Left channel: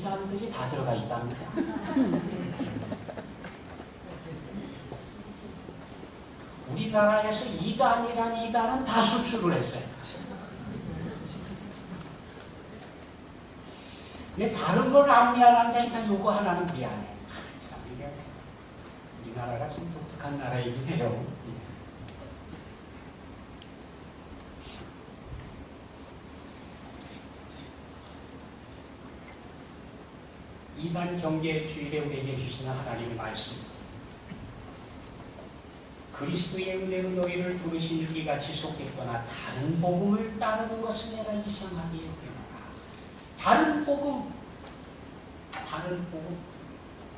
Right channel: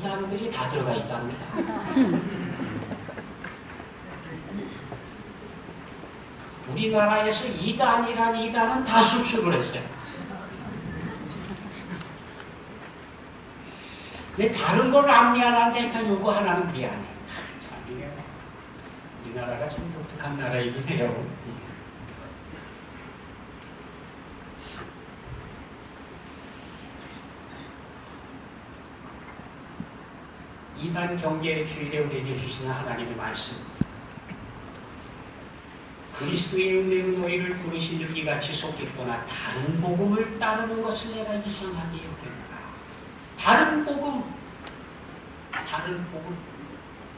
이단들이 다 들어가 있답니다. 우리나라에서 이단이란 이단은 다 수출을 했어요. 근데 다른 건 안 미안한데 일단 요거 하나는 미안해. 참 미안해. 우리나라가 좀 독특한 나라이긴 해요. 이단 경계의 주일에 우리에게 주시는 하나님의 말씀. 그리스도의 은혜로 너희를 부르신 유기같이 속했거나 다른 복음을 따르는 것을 내가 이상하게 여기노라. 다른 복음,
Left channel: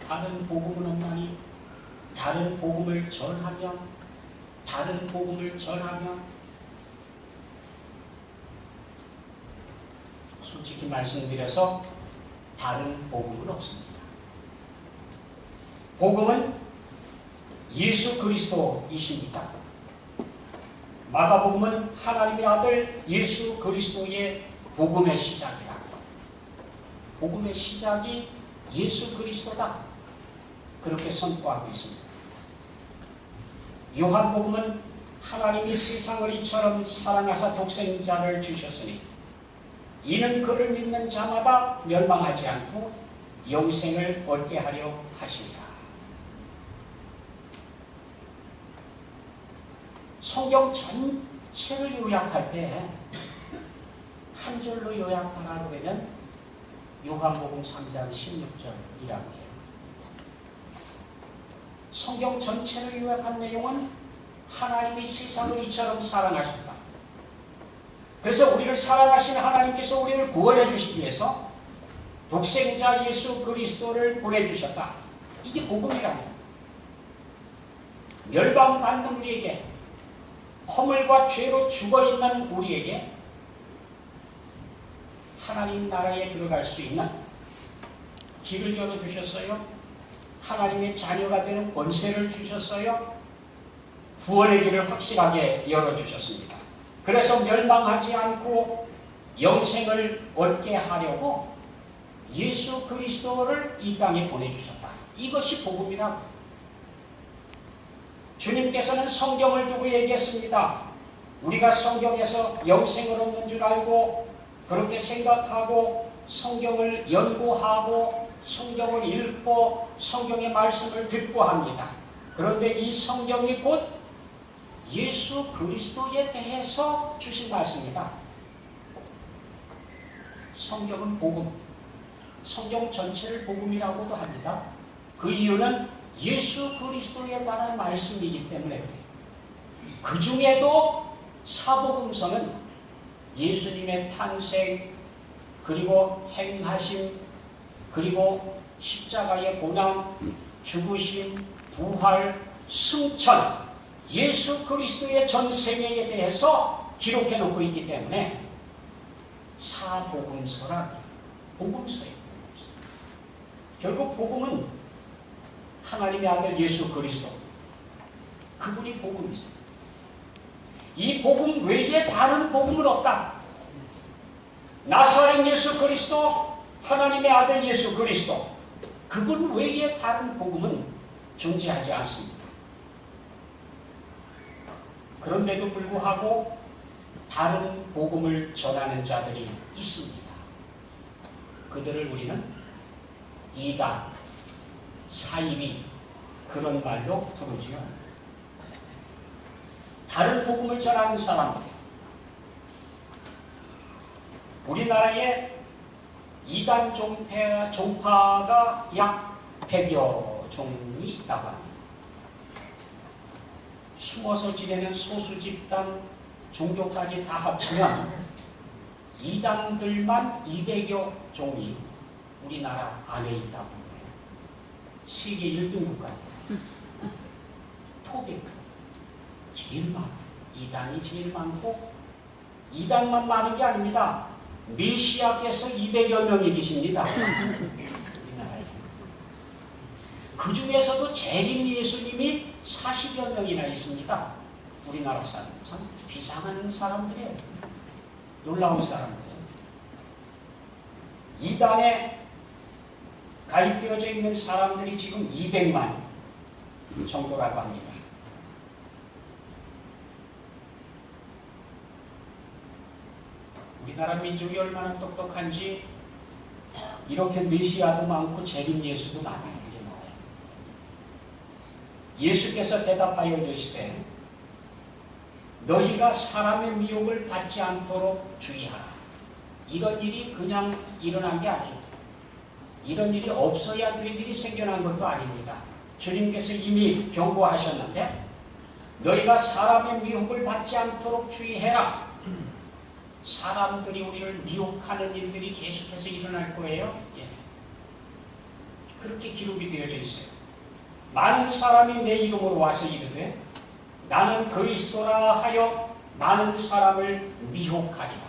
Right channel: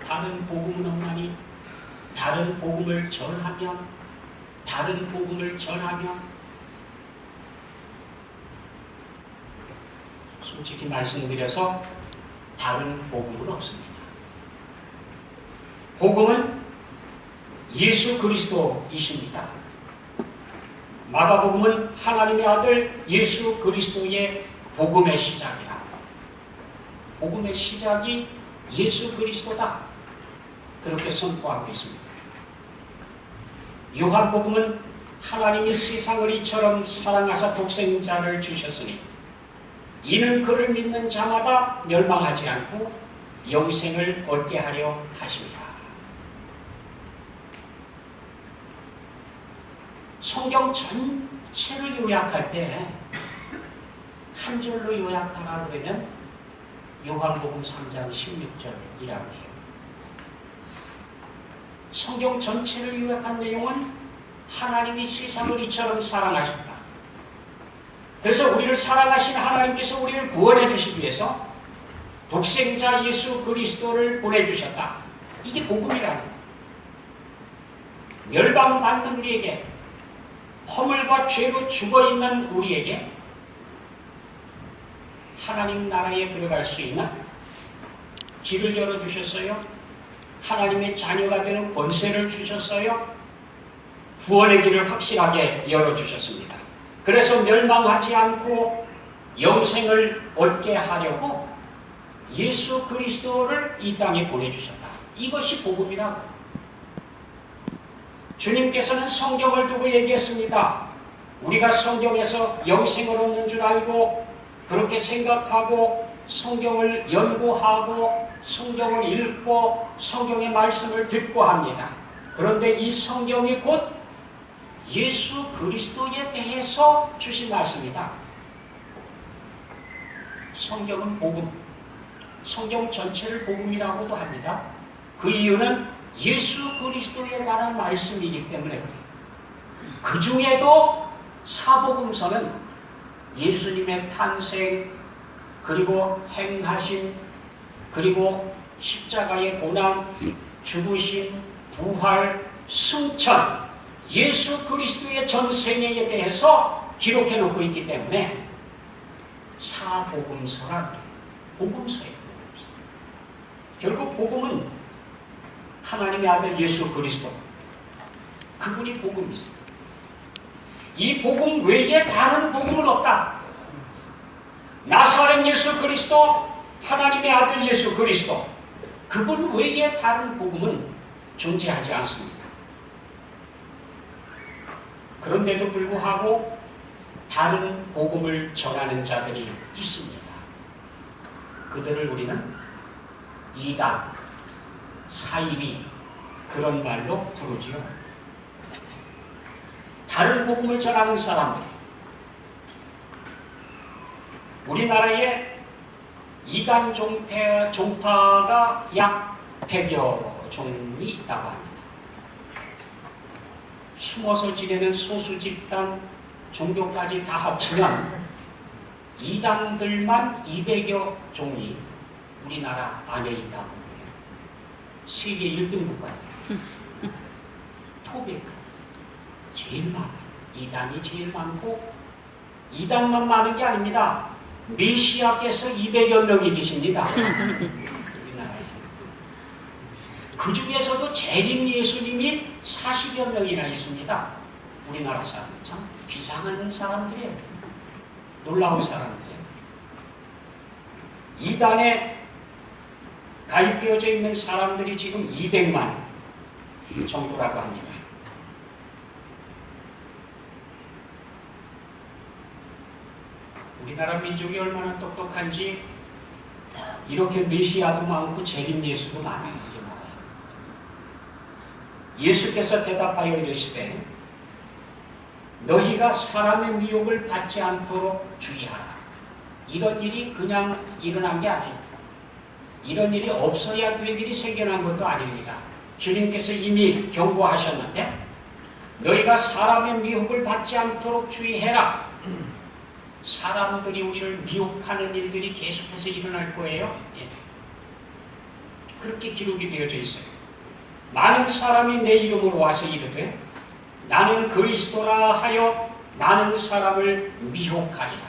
다른 복음은 없나니 다른 복음을 전하면 솔직히 말씀드려서 다른 복음은 없습니다. 복음은 예수 그리스도이십니다. 마가복음은 하나님의 아들 예수 그리스도의 복음의 시작이라. 복음의 시작이 예수 그리스도다. 그렇게 선포하고 있습니다. 요한복음은 하나님이 세상을 이처럼 사랑하사 독생자를 주셨으니 이는 그를 믿는 자마다 멸망하지 않고 영생을 얻게 하려 하십니다. 성경 전체를 요약할 때 한 줄로 요약하라 그러면 요한복음 3장 16절이라고 해요. 성경 전체를 요약한 내용은 하나님이 세상을 이처럼 사랑하셨다. 그래서 우리를 사랑하신 하나님께서 우리를 구원해 주시기 위해서 독생자 예수 그리스도를 보내주셨다. 이게 복음이라는 거예요. 멸망받는 우리에게, 허물과 죄로 죽어있는 우리에게 하나님 나라에 들어갈 수 있는 길을 열어주셨어요. 하나님의 자녀가 되는 권세를 주셨어요. 구원의 길을 확실하게 열어주셨습니다. 그래서 멸망하지 않고 영생을 얻게 하려고 예수 그리스도를 이 땅에 보내주셨다. 이것이 복음이라고. 주님께서는 성경을 두고 얘기했습니다. 우리가 성경에서 영생을 얻는 줄 알고 그렇게 생각하고 성경을 연구하고 성경을 읽고 성경의 말씀을 듣고 합니다. 그런데 이 성경이 곧 예수 그리스도에 대해서 주신 말씀이다. 성경은 복음, 성경 전체를 복음이라고도 합니다. 그 이유는 예수 그리스도에 관한 말씀이기 때문에 그 중에도 사복음서는 예수님의 탄생, 그리고 행하심, 그리고 십자가의 고난, 죽으심, 부활, 승천, 예수 그리스도의 전생애에 대해서 기록해 놓고 있기 때문에 사복음서라 복음서예요. 결국 복음은 하나님의 아들 예수 그리스도, 그분이 복음이세요. 이 복음 외에 다른 복음은 없다. 나사렛 예수 그리스도, 하나님의 아들 예수 그리스도, 그분 외에 다른 복음은 존재하지 않습니다. 그런데도 불구하고 다른 복음을 전하는 자들이 있습니다. 그들을 우리는 이단, 사이비, 그런 말로 부르지요. 다른 복음을 전하는 사람들, 우리나라에 이단 종파가 약 100여 종이 있다고 합니다. 숨어서 지내는 소수 집단, 종교까지 다 합치면 이단들만 200여 종이 우리나라 안에 있다고 해요. 세계 1등 국가예요. 토백 제일 많아요. 이단이 제일 많고, 이단만 많은 게 아닙니다. 메시아께서 200여 명이 계십니다. 우리나라에. 그 중에서도 재림 예수님이 40여 명이나 있습니다. 우리나라 사람. 참 비상한 사람들이에요. 놀라운 사람들이에요. 이단의 가입되어져 있는 사람들이 지금 200만 정도라고 합니다. 우리나라 민족이 얼마나 똑똑한지 이렇게 메시아도 많고 재림 예수도 많아요. 예수께서 대답하여 이르시되 너희가 사람의 미혹을 받지 않도록 주의하라. 이런 일이 그냥 일어난 게 아니에요. 이런 일이 없어야 될 일이 생겨난 것도 아닙니다. 주님께서 이미 경고하셨는데 너희가 사람의 미혹을 받지 않도록 주의해라. 사람들이 우리를 미혹하는 일들이 계속해서 일어날 거예요. 예. 그렇게 기록이 되어져 있어요. 많은 사람이 내 이름으로 와서 이르되 나는 그리스도라 하여 나는 사람을 미혹하리라.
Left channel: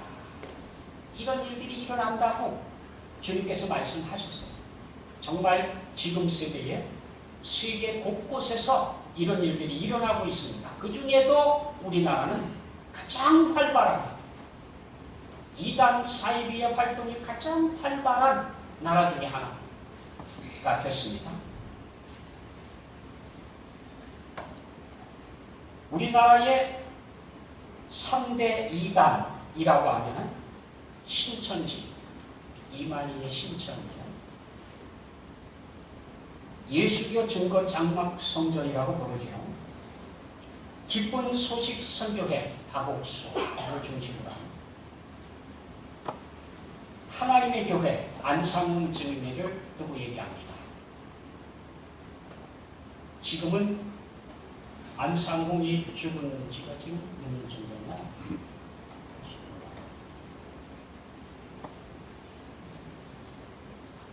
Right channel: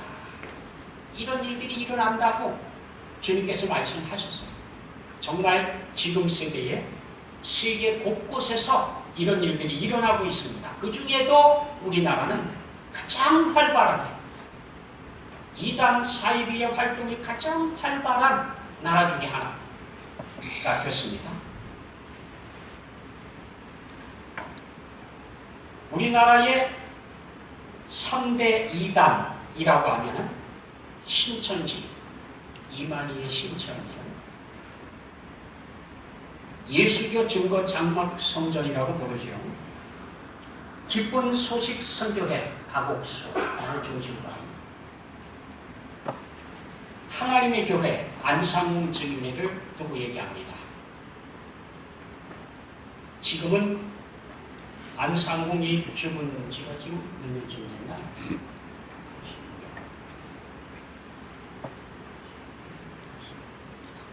이런 일들이 일어난다고 주님께서 말씀하셨어요. 정말 지금 세대에 세계 곳곳에서 이런 일들이 일어나고 있습니다. 그 중에도 우리나라는 가장 활발하게 이단 사이비의 활동이 가장 활발한 나라 중에 하나가 됐습니다. 우리나라의 3대 이단이라고 하면 신천지, 이만희의 신천지는 예수교 증거 장막 성전이라고 부르죠. 기쁜 소식 선교회 가곡수를 중심으로 합니다. 하나님의 교회 안상훈 증인회를 두고 얘기합니다. 지금은 안상홍이 죽은 지가 지금 몇 년쯤 됐나요?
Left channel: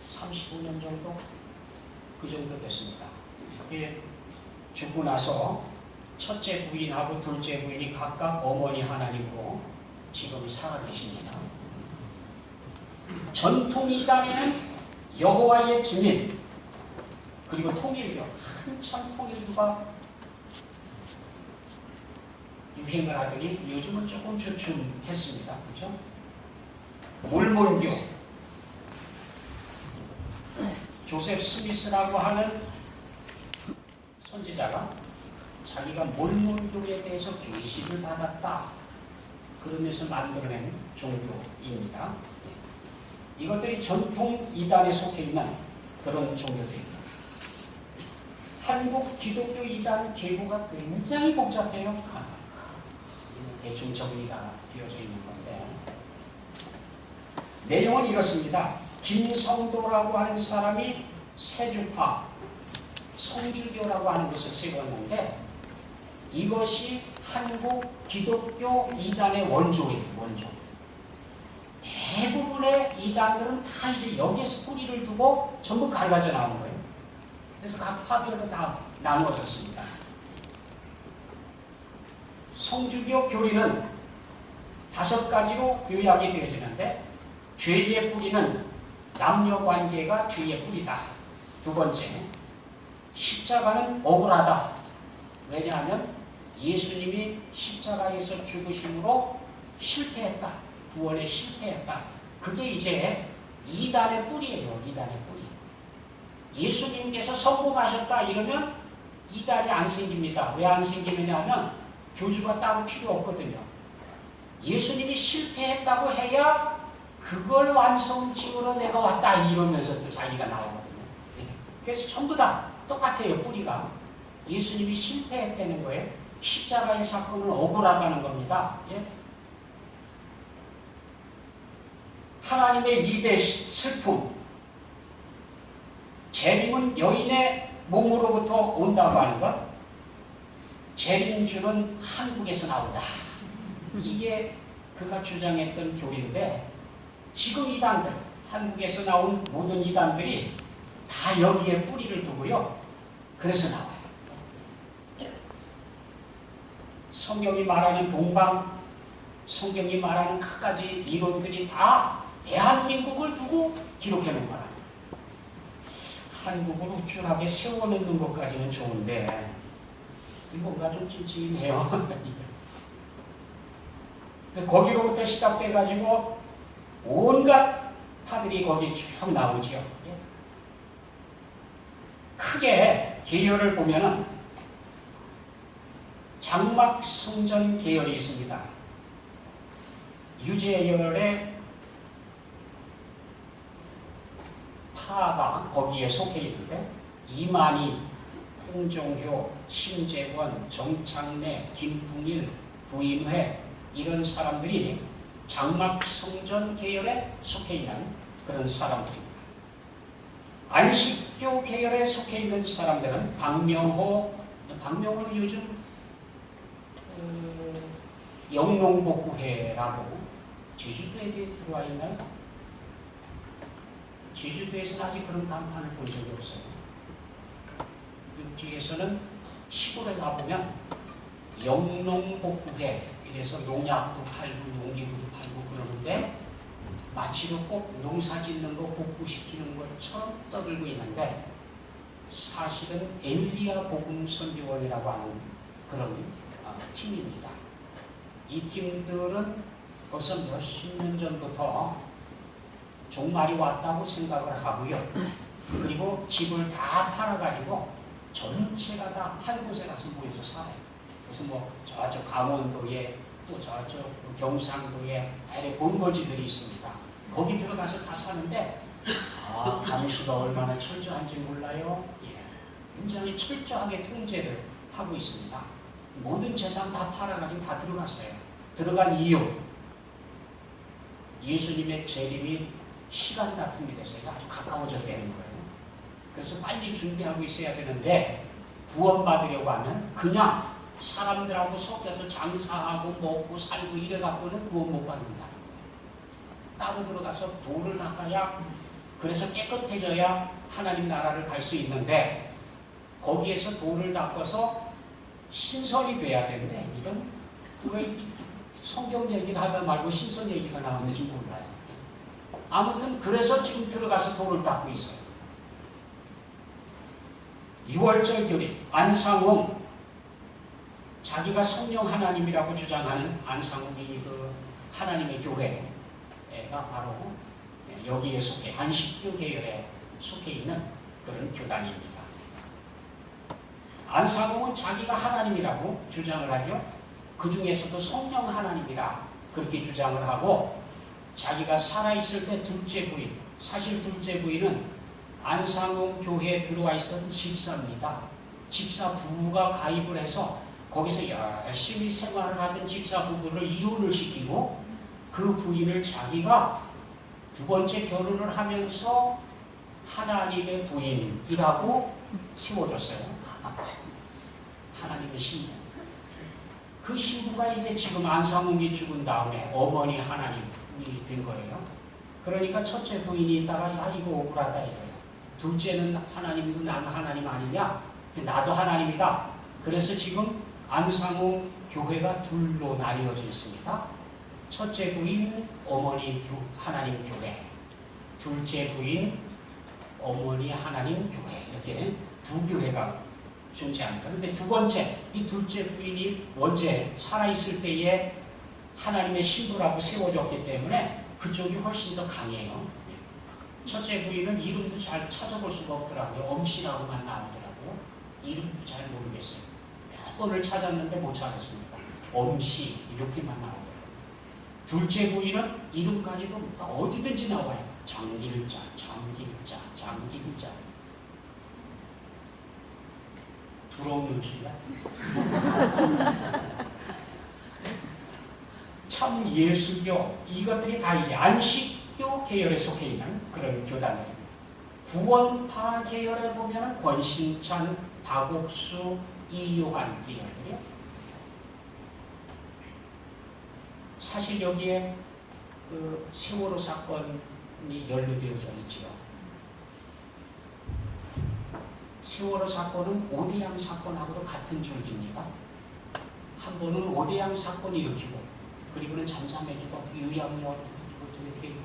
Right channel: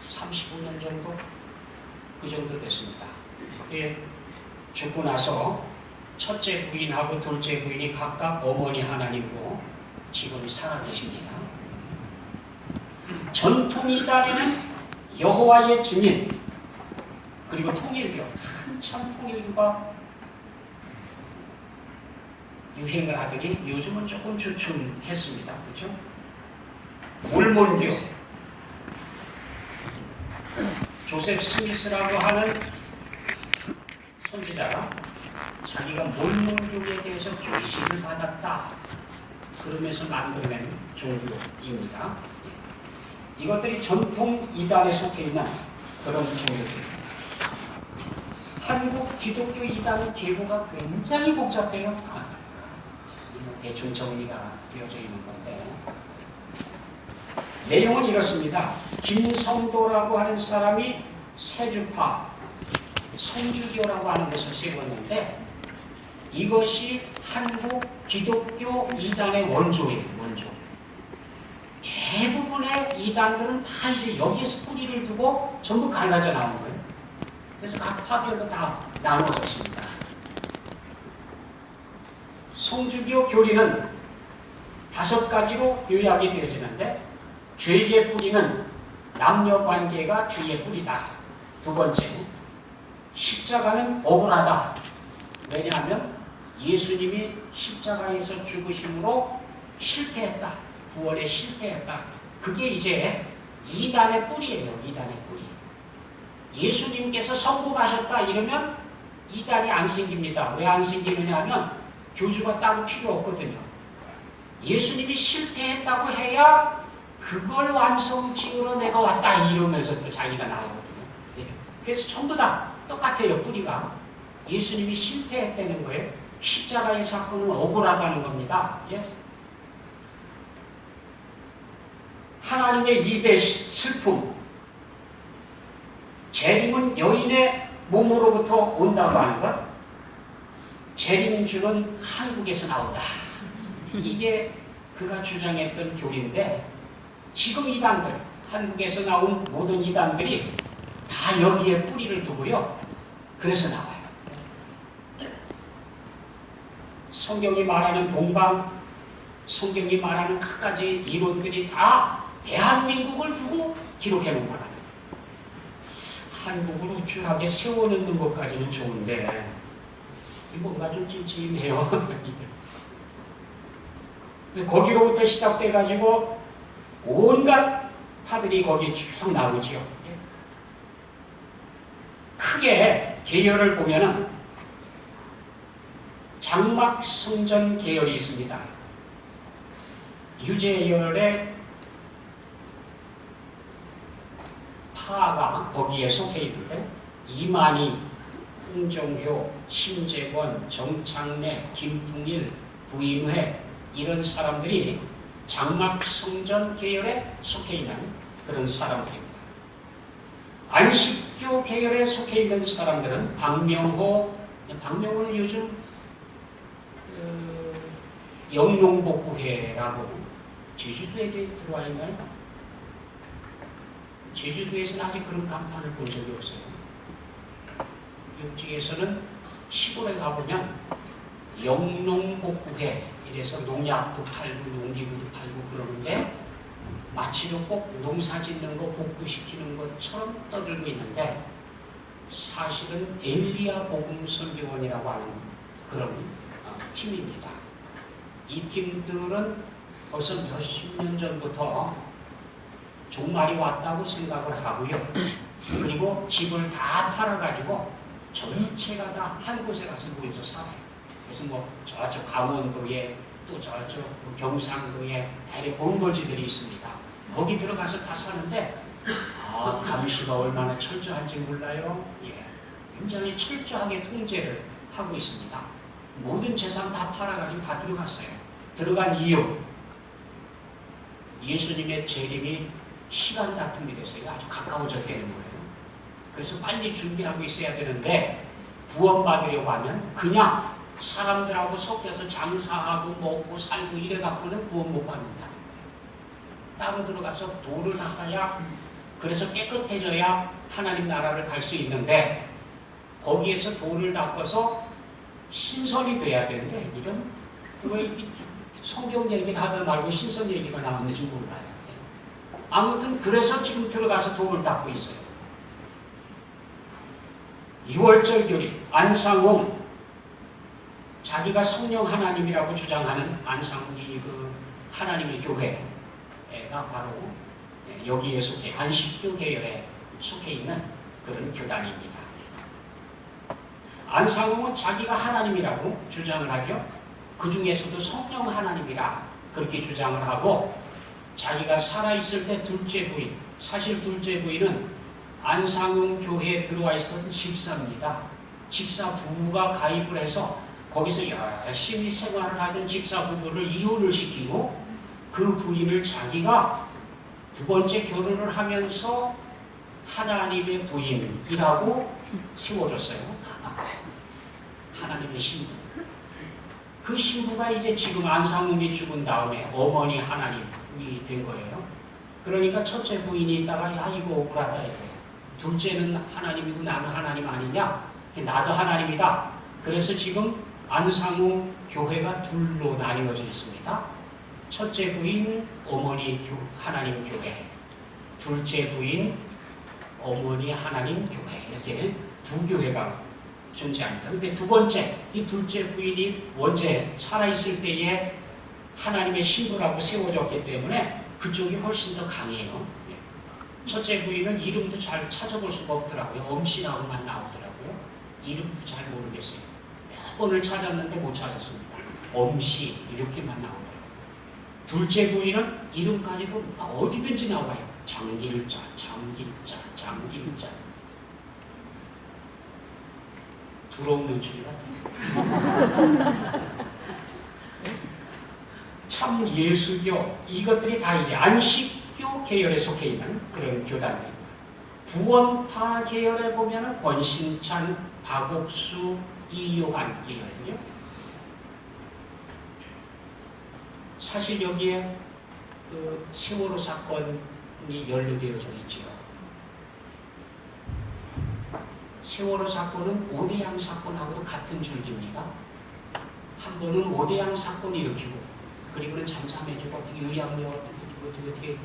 35년 정도? 그 정도 됐습니다. 예, 죽고 나서 첫째 부인하고 둘째 부인이 각각 어머니 하나님으로 지금 살아계십니다. 전통 이단에는 여호와의 증인 그리고 통일교, 한참 통일교가 유행을 하더니 요즘은 조금 주춤했습니다. 그죠? 몰몬교, 조셉 스미스라고 하는 선지자가 자기가 몰몬교에 대해서 교식을 받았다 그러면서 만들어낸 종교입니다. 이것들이 전통 이단에 속해 있는 그런 종교들입니다. 한국 기독교 이단 계보가 굉장히 복잡해요. 대충 정리가 되어져 있는 건데 내용은 이렇습니다. 김성도라고 하는 사람이 세주파 성주교라고 하는 것을 세웠는데 이것이 한국 기독교 이단의 원조예요. 원조. 대부분의 이단들은 다 이제 여기에서 뿌리를 두고 전부 갈라져 나오는 거예요. 그래서 각 파별로 다 나누어졌습니다. 성주교 교리는 5가지로 요약이 되어지는데 죄의 뿌리는 남녀관계가 죄의 뿌리다. 두 번째, 십자가는 억울하다. 왜냐하면 예수님이 십자가에서 죽으심으로 실패했다. 구원에 실패했다. 그게 이제 이단의 뿌리예요. 이단의 뿌리. 예수님께서 성공하셨다 이러면 이단이 안 생깁니다. 왜 안 생기느냐 하면 교주가 따로 필요 없거든요. 예수님이 실패했다고 해야 그걸 완성지으로 내가 왔다 이러면서 또 자기가 나오거든요. 그래서 전부 다 똑같아요. 뿌리가. 예수님이 실패했다는 거예요. 십자가의 사건은 억울하다는 겁니다. 예? 하나님의 2대 슬픔. 재림은 여인의 몸으로부터 온다고 하는 것. 재림주는 한국에서 나온다. 이게 그가 주장했던 교리인데 지금 이단들, 한국에서 나온 모든 이단들이 다 여기에 뿌리를 두고요. 그래서 나와요. 성경이 말하는 동방, 성경이 말하는 갖가지 이론들이 다 대한민국을 두고 기록해 놓은 거랍니다. 한국을 우쭐하게 세워놓는 것까지는 좋은데 뭔가 좀 찜찜해요. 거기로부터 시작돼가지고 온갖 파들이 거기 쭉 나오죠. 크게 계열을 보면은 장막성전 계열이 있습니다. 유재열의 파가 거기에 속해 있는데 이만희, 홍정효, 신재권, 정창래, 김풍일, 부인회 이런 사람들이 장막성전 계열에 속해 있는 그런 사람들입니다. 안식교 계열에 속해 있는 사람들은 박명호는 요즘 영농복구회라고 제주도에 들어와 있나요? 제주도에서는 아직 그런 간판을 본 적이 없어요. 여기에서는 시골에 가보면 영농복구회 이래서 농약도 팔고 농기구도 팔고 그러는데 마치로 꼭 농사 짓는 거 복구시키는 것처럼 떠들고 있는데 사실은 엘리야 복음선교원이라고 하는 그런 팀입니다. 이 팀들은 벌써 몇십 년 전부터 종말이 왔다고 생각을 하고요. 그리고 집을 다 팔아가지고 전체가 다 한 곳에 가서 모여서 살아요. 그래서 뭐 저쪽 강원도에 또 저쪽 경상도에 대래 본거지들이 있습니다. 거기 들어가서 다 사는데 감시가 얼마나 철저한지 몰라요. 예, 굉장히 철저하게 통제를 하고 있습니다. 모든 재산 다 팔아가지고 다 들어갔어요. 들어간 이유 예수님의 재림이 시간 다툼이 됐어요. 아주 가까워졌다는 거예요. 그래서 빨리 준비하고 있어야 되는데 구원받으려고 하면 그냥 사람들하고 섞여서 장사하고 먹고 살고 이래갖고는 구원 못 받는다. 따로 들어가서 돌을 닦아야 그래서 깨끗해져야 하나님 나라를 갈 수 있는데 거기에서 돌을 닦아서 신선이 돼야 되는데 이건 왜 성경 얘기를 하다 말고 신선 얘기가 나오는지 몰라요. 아무튼 그래서 지금 들어가서 돌을 닦고 있어요. 6월절 교리 안상홍 자기가 성령 하나님이라고 주장하는 안상홍이 그 하나님의 교회가 바로 여기에 속해 안식교 계열에 속해 있는 그런 교단입니다. 안상홍은 자기가 하나님이라고 주장을 하죠. 그 중에서도 성령 하나님이라 그렇게 주장을 하고 자기가 살아있을 때 둘째 부인, 사실 둘째 부인은 안상홍 교회에 들어와 있었던 집사입니다. 집사 부부가 가입을 해서 거기서 열심히 생활을 하던 집사 부부를 이혼을 시키고 그 부인을 자기가 두 번째 결혼을 하면서 하나님의 부인이라고 세워줬어요. 하나님의 신부. 그 신부가 이제 지금 안상홍이 죽은 다음에 어머니 하나님이 된 거예요. 그러니까 첫째 부인이 있다가 야 이거 억울하다 이거예요. 둘째는 하나님이고 나는 하나님 아니냐? 나도 하나님이다. 그래서 지금 안상홍 교회가 둘로 나뉘어져 있습니다. 첫째 부인 어머니 하나님 교회, 둘째 부인 어머니 하나님 교회 이렇게 두 교회가 존재합니다. 그런데 두 번째 이 둘째 부인이 원체 살아있을 때에 하나님의 신부라고 세워졌기 때문에 그쪽이 훨씬 더 강해요. 첫째 부인은 이름도 잘 찾아볼 수가 없더라고요. 엄씨라고만 나오더라고요. 이름도 잘 모르겠어요. 몇 번을 찾았는데 못 찾았습니다. 엄씨 이렇게만 나오더라고요. 둘째 부인은 이름까지도 어디든지 나와요. 장길자, 장길자, 장길자. 부러운 연출이다. 참 예수교 이것들이 다 이제 안식교 계열에 속해 있는 그런 교단입니다. 구원파 계열에 보면은 권신찬, 박옥수, 이요한 계열이요. 사실 여기에 그 세월호 사건이 연루되어져 있죠. 세월호 사건은 오대양 사건하고도 같은 줄기입니다. 한 번은 오대양 사건을 일으키고 그리고는 잠잠해지고 어떻게 의아무야 어떻게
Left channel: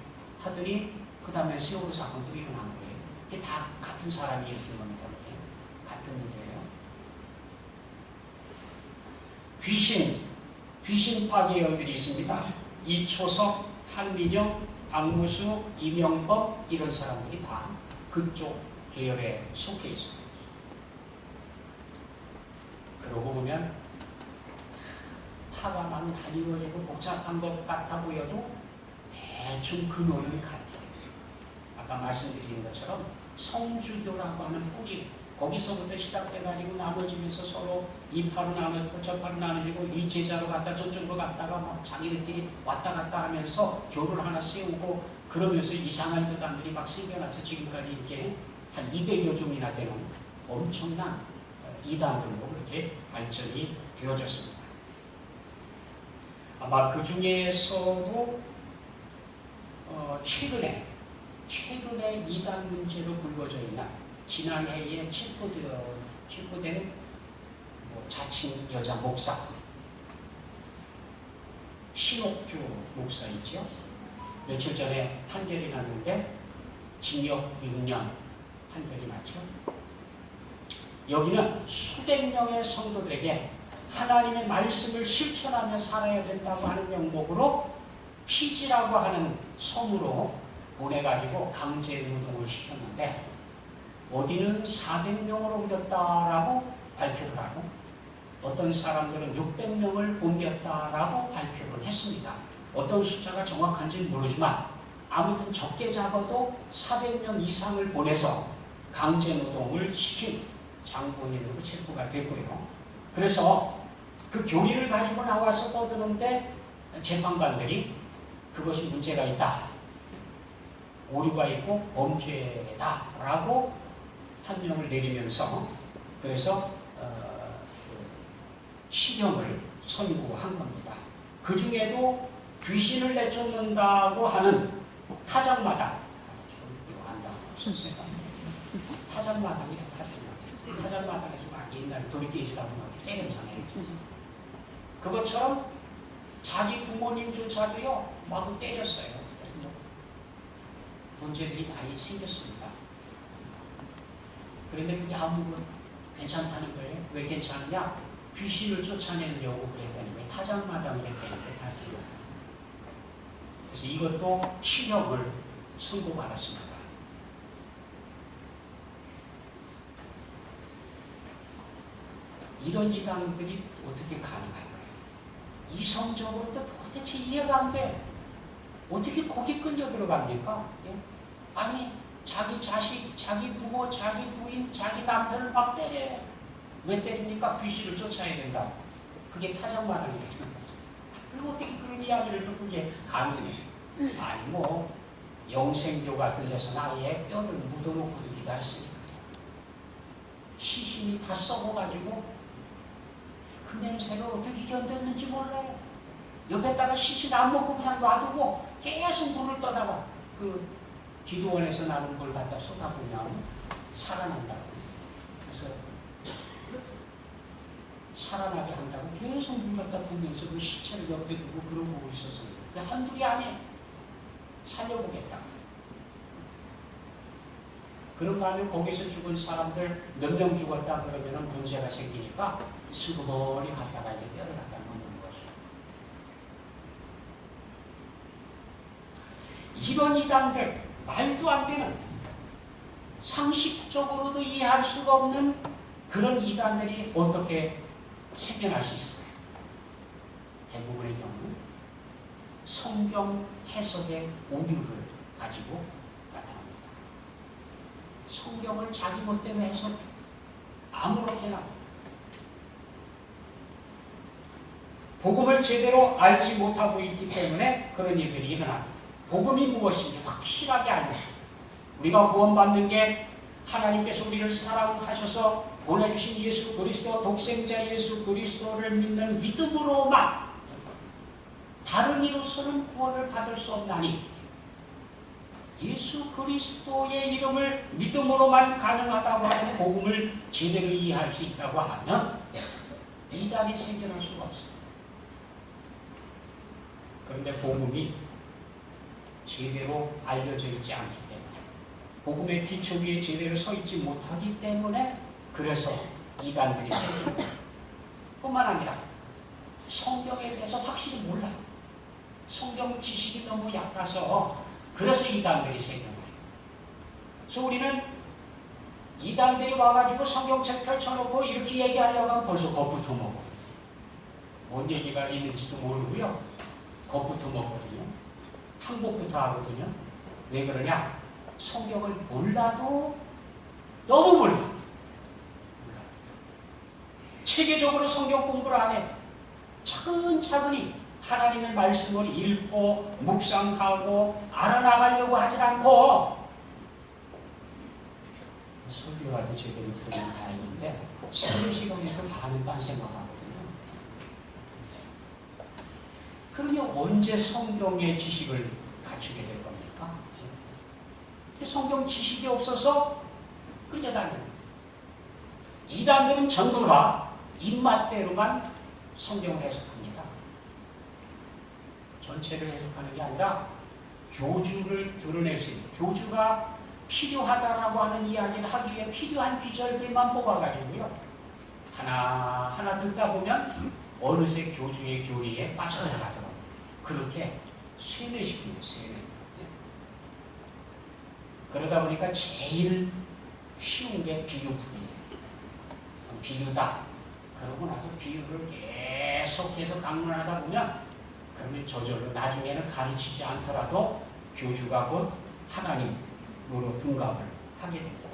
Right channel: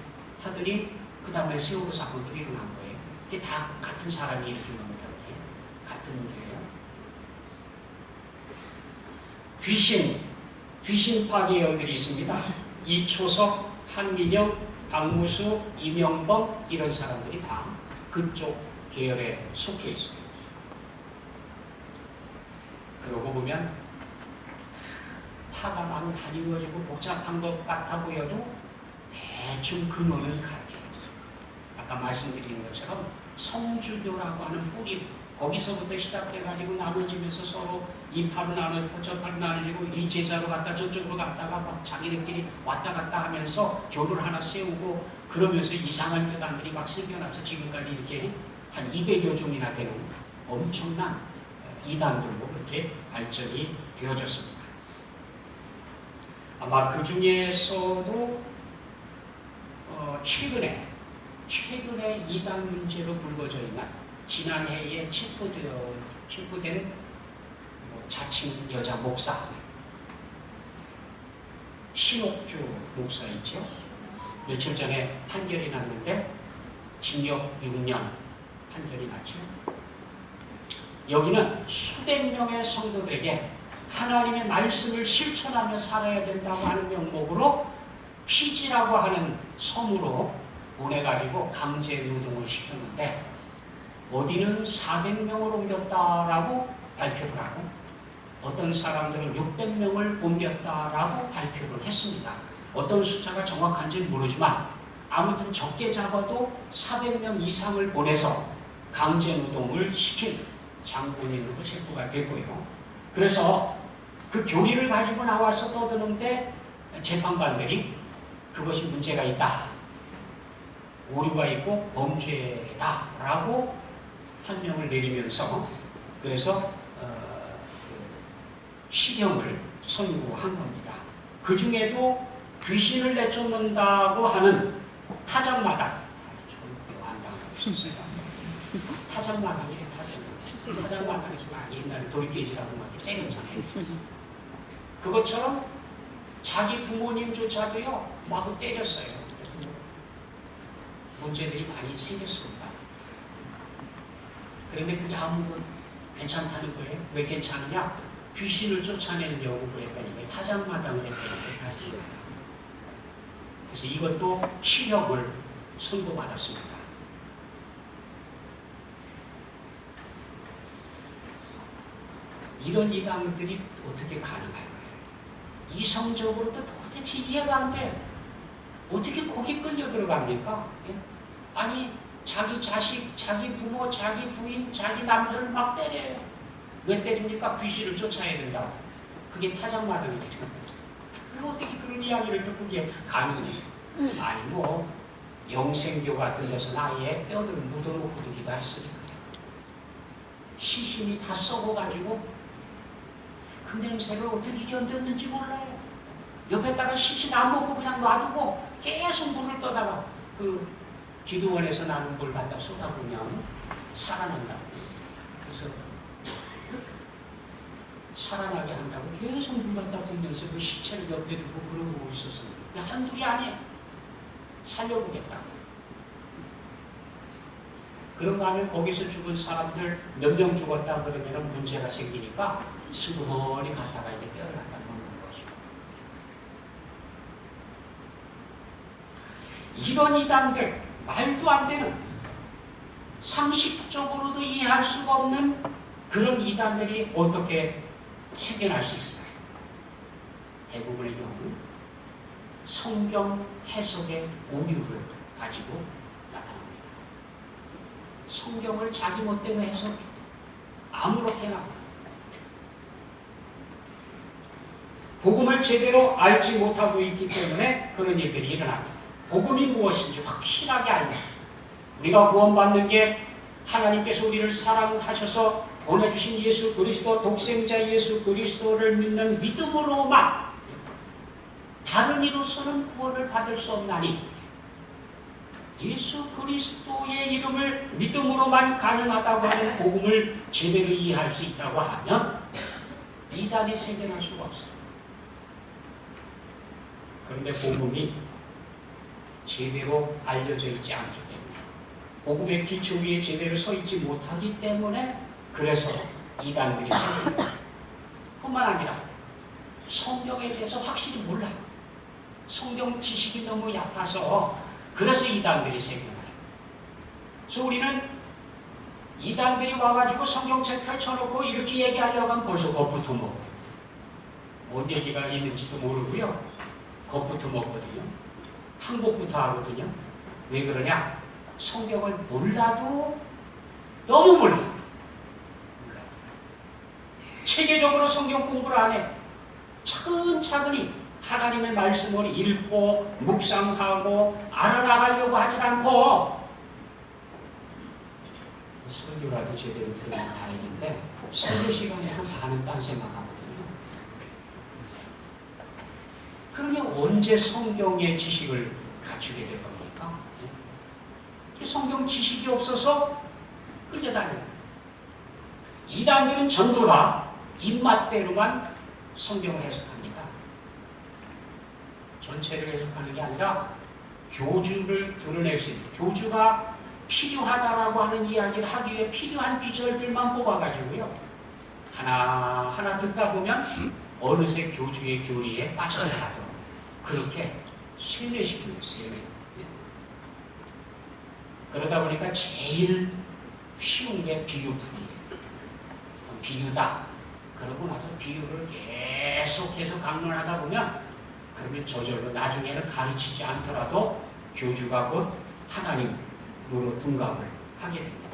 하더니 그 다음에 세월호 사건도 일어난 거예요. 이게 다 같은 사람이 일으킨 겁니다. 같은 일이에요. 귀신파 계열들이 있습니다. 이초석, 한민영, 박무수, 이명범 이런 사람들이 다 그쪽 계열에 속해 있어요. 그러고 보면 파가 막 다리워지고 복잡한 것 같아 보여도 대충 근원은 같아요. 아까 말씀드린 것처럼 성주교라고 하는 뿌리, 거기서부터 시작해가지고 나눠지면서 서로 이 팔은 나눠지고 저 팔은 나눠지고 이 제자로 갔다 저쪽으로 갔다가 막 자기들끼리 왔다 갔다 하면서 교를 하나 세우고 그러면서 이상한 교단들이 막 생겨나서 지금까지 이렇게 한 200여 종이나 되는 엄청난 이단들로 이렇게 발전이 되어졌습니다. 아마 그 중에서도 최근에 이단 문제로 불거져 있는 지난해에 체포된 자칭 여자 목사 신옥주 목사 있죠. 며칠 전에 판결이 났는데 징역 6년 판결이 났죠. 여기는 수백 명의 성도들에게 하나님의 말씀을 실천하며 살아야 된다고 하는 명목으로 피지라고 하는 섬으로 보내가지고 강제 노동을 시켰는데 어디는 400명을 옮겼다라고 발표를 하고 어떤 사람들은 600명을 옮겼다라고 발표를 했습니다. 어떤 숫자가 정확한지는 모르지만 아무튼 적게 잡아도 400명 이상을 보내서 강제 노동을 시킨 장본인으로 체포가 됐고요. 그래서 그 교리를 가지고 나와서 떠드는데 재판관들이 그것이 문제가 있다, 오류가 있고 범죄다라고 판명을 내리면서 그래서 실형을 선고한 겁니다. 그 중에도 귀신을 내쫓는다고 하는 타작마당, 타작마당이에요. 타작마당에서 옛날에 돌깨지라고 막 때렸잖아요. 그것처럼 자기 부모님조차도요 마구 때렸어요. 그래서 문제들이 많이 생겼습니다. 그런데 그게 아무도 괜찮다는 거예요. 왜 괜찮으냐? 귀신을 쫓아내려고 그랬다니까 타작마당을 했다니까 같이. 그래서 이것도 실형을 선고받았습니다. 이런 이단들이 어떻게 가능할까요? 이성적으로도 도대체 이해가 안 돼. 어떻게 거기 끌려 들어갑니까? 예? 아니 자기 자식, 자기 부모, 자기 부인, 자기 남편을 막 때려요. 왜 때립니까? 귀신을 쫓아야 된다고. 그게 타작마당이죠. 그리고 어떻게 그런 이야기를 듣고 이게 가능해요? 아니 뭐 영생교 같은 데서는 아예 뼈를 묻어놓고 두기도 했으니까 시신이 다 썩어가지고 그 냄새를 어떻게 견뎠는지 몰라요. 옆에다가 시신 안 먹고 그냥 놔두고 계속 물을 떠다가 그 기도원에서 나는 물 갖다 쏟아보면 살아난다고. 그래서 살아나게 한다고 계속 물 갖다 보면서 그 시체를 옆에 두고 그러고 있었습니다. 그 한둘이 아니에요. 살려보겠다. 그런가 하면 거기서 죽은 사람들 몇 명 죽었다 그러면 문제가 생기니까 수고머리 갔다가 이제 뼈를 갖다 놓는 거죠. 이런 이단들, 말도 안 되는, 상식적으로도 이해할 수가 없는 그런 이단들이 어떻게 생겨날 수 있을까요? 대부분의 경우 성경 해석의 오류를 가지고 나타납니다. 성경을 자기 멋대로 해석해. 아무렇게나. 복음을 제대로 알지 못하고 있기 때문에 그런 일들이 일어납니다. 복음이 무엇인지 확실하게 알면 우리가 구원받는 게 하나님께서 우리를 사랑하셔서 보내주신 예수 그리스도, 독생자 예수 그리스도를 믿는 믿음으로만, 다른 이로서는 구원을 받을 수 없나니 예수 그리스도의 이름을 믿음으로만 가능하다고 하는 복음을 제대로 이해할 수 있다고 하면 이단이 생겨날 수가 없어요. 그런데 복음이 제대로 알려져 있지 않기 때문에, 복음의 기초 위에 제대로 서 있지 못하기 때문에 그래서 이단들이 생깁니다. 뿐만 아니라 성경에 대해서 확실히 몰라. 성경 지식이 너무 약해서 그래서 이단들이 생겨나요. 그래서 우리는 이단들이 와가지고 성경책 펼쳐놓고 이렇게 얘기하려고 하면 벌써 겁부터 먹어요. 뭔 얘기가 있는지도 모르고요. 겁부터 먹거든요. 항복부터 하거든요. 왜 그러냐? 성경을 몰라도 너무 몰라. 체계적으로 성경 공부를 안 해. 차근차근히 하나님의 말씀을 읽고 묵상하고 알아나가려고 하지 않고 설교라도 제대로 들으면 다행인데 설교 시간에서 반은 딴 생각하거든요. 그러면 언제 성경의 지식을 갖추게 될 겁니까? 성경 지식이 없어서 끌려다녀요. 이단들은 전부 다 입맛대로만 성경을 해석합니다. 전체를 해석하는 게 아니라 교주를 드러낼 수 있는, 교주가 필요하다라고 하는 이야기를 하기 위해 필요한 비절들만 뽑아가지고요. 하나하나 듣다 보면 어느새 교주의 교리에 빠져나가도록 그렇게 세뇌시키고 세뇌. 그러다 보니까 제일 쉬운 게 비유풀이에요. 비유다. 그러고 나서 비유를 계속해서 강론하다 보면 그러면 저절로 나중에는 가르치지 않더라도 교주가 곧 하나님으로 둔갑을 하게 됩니다.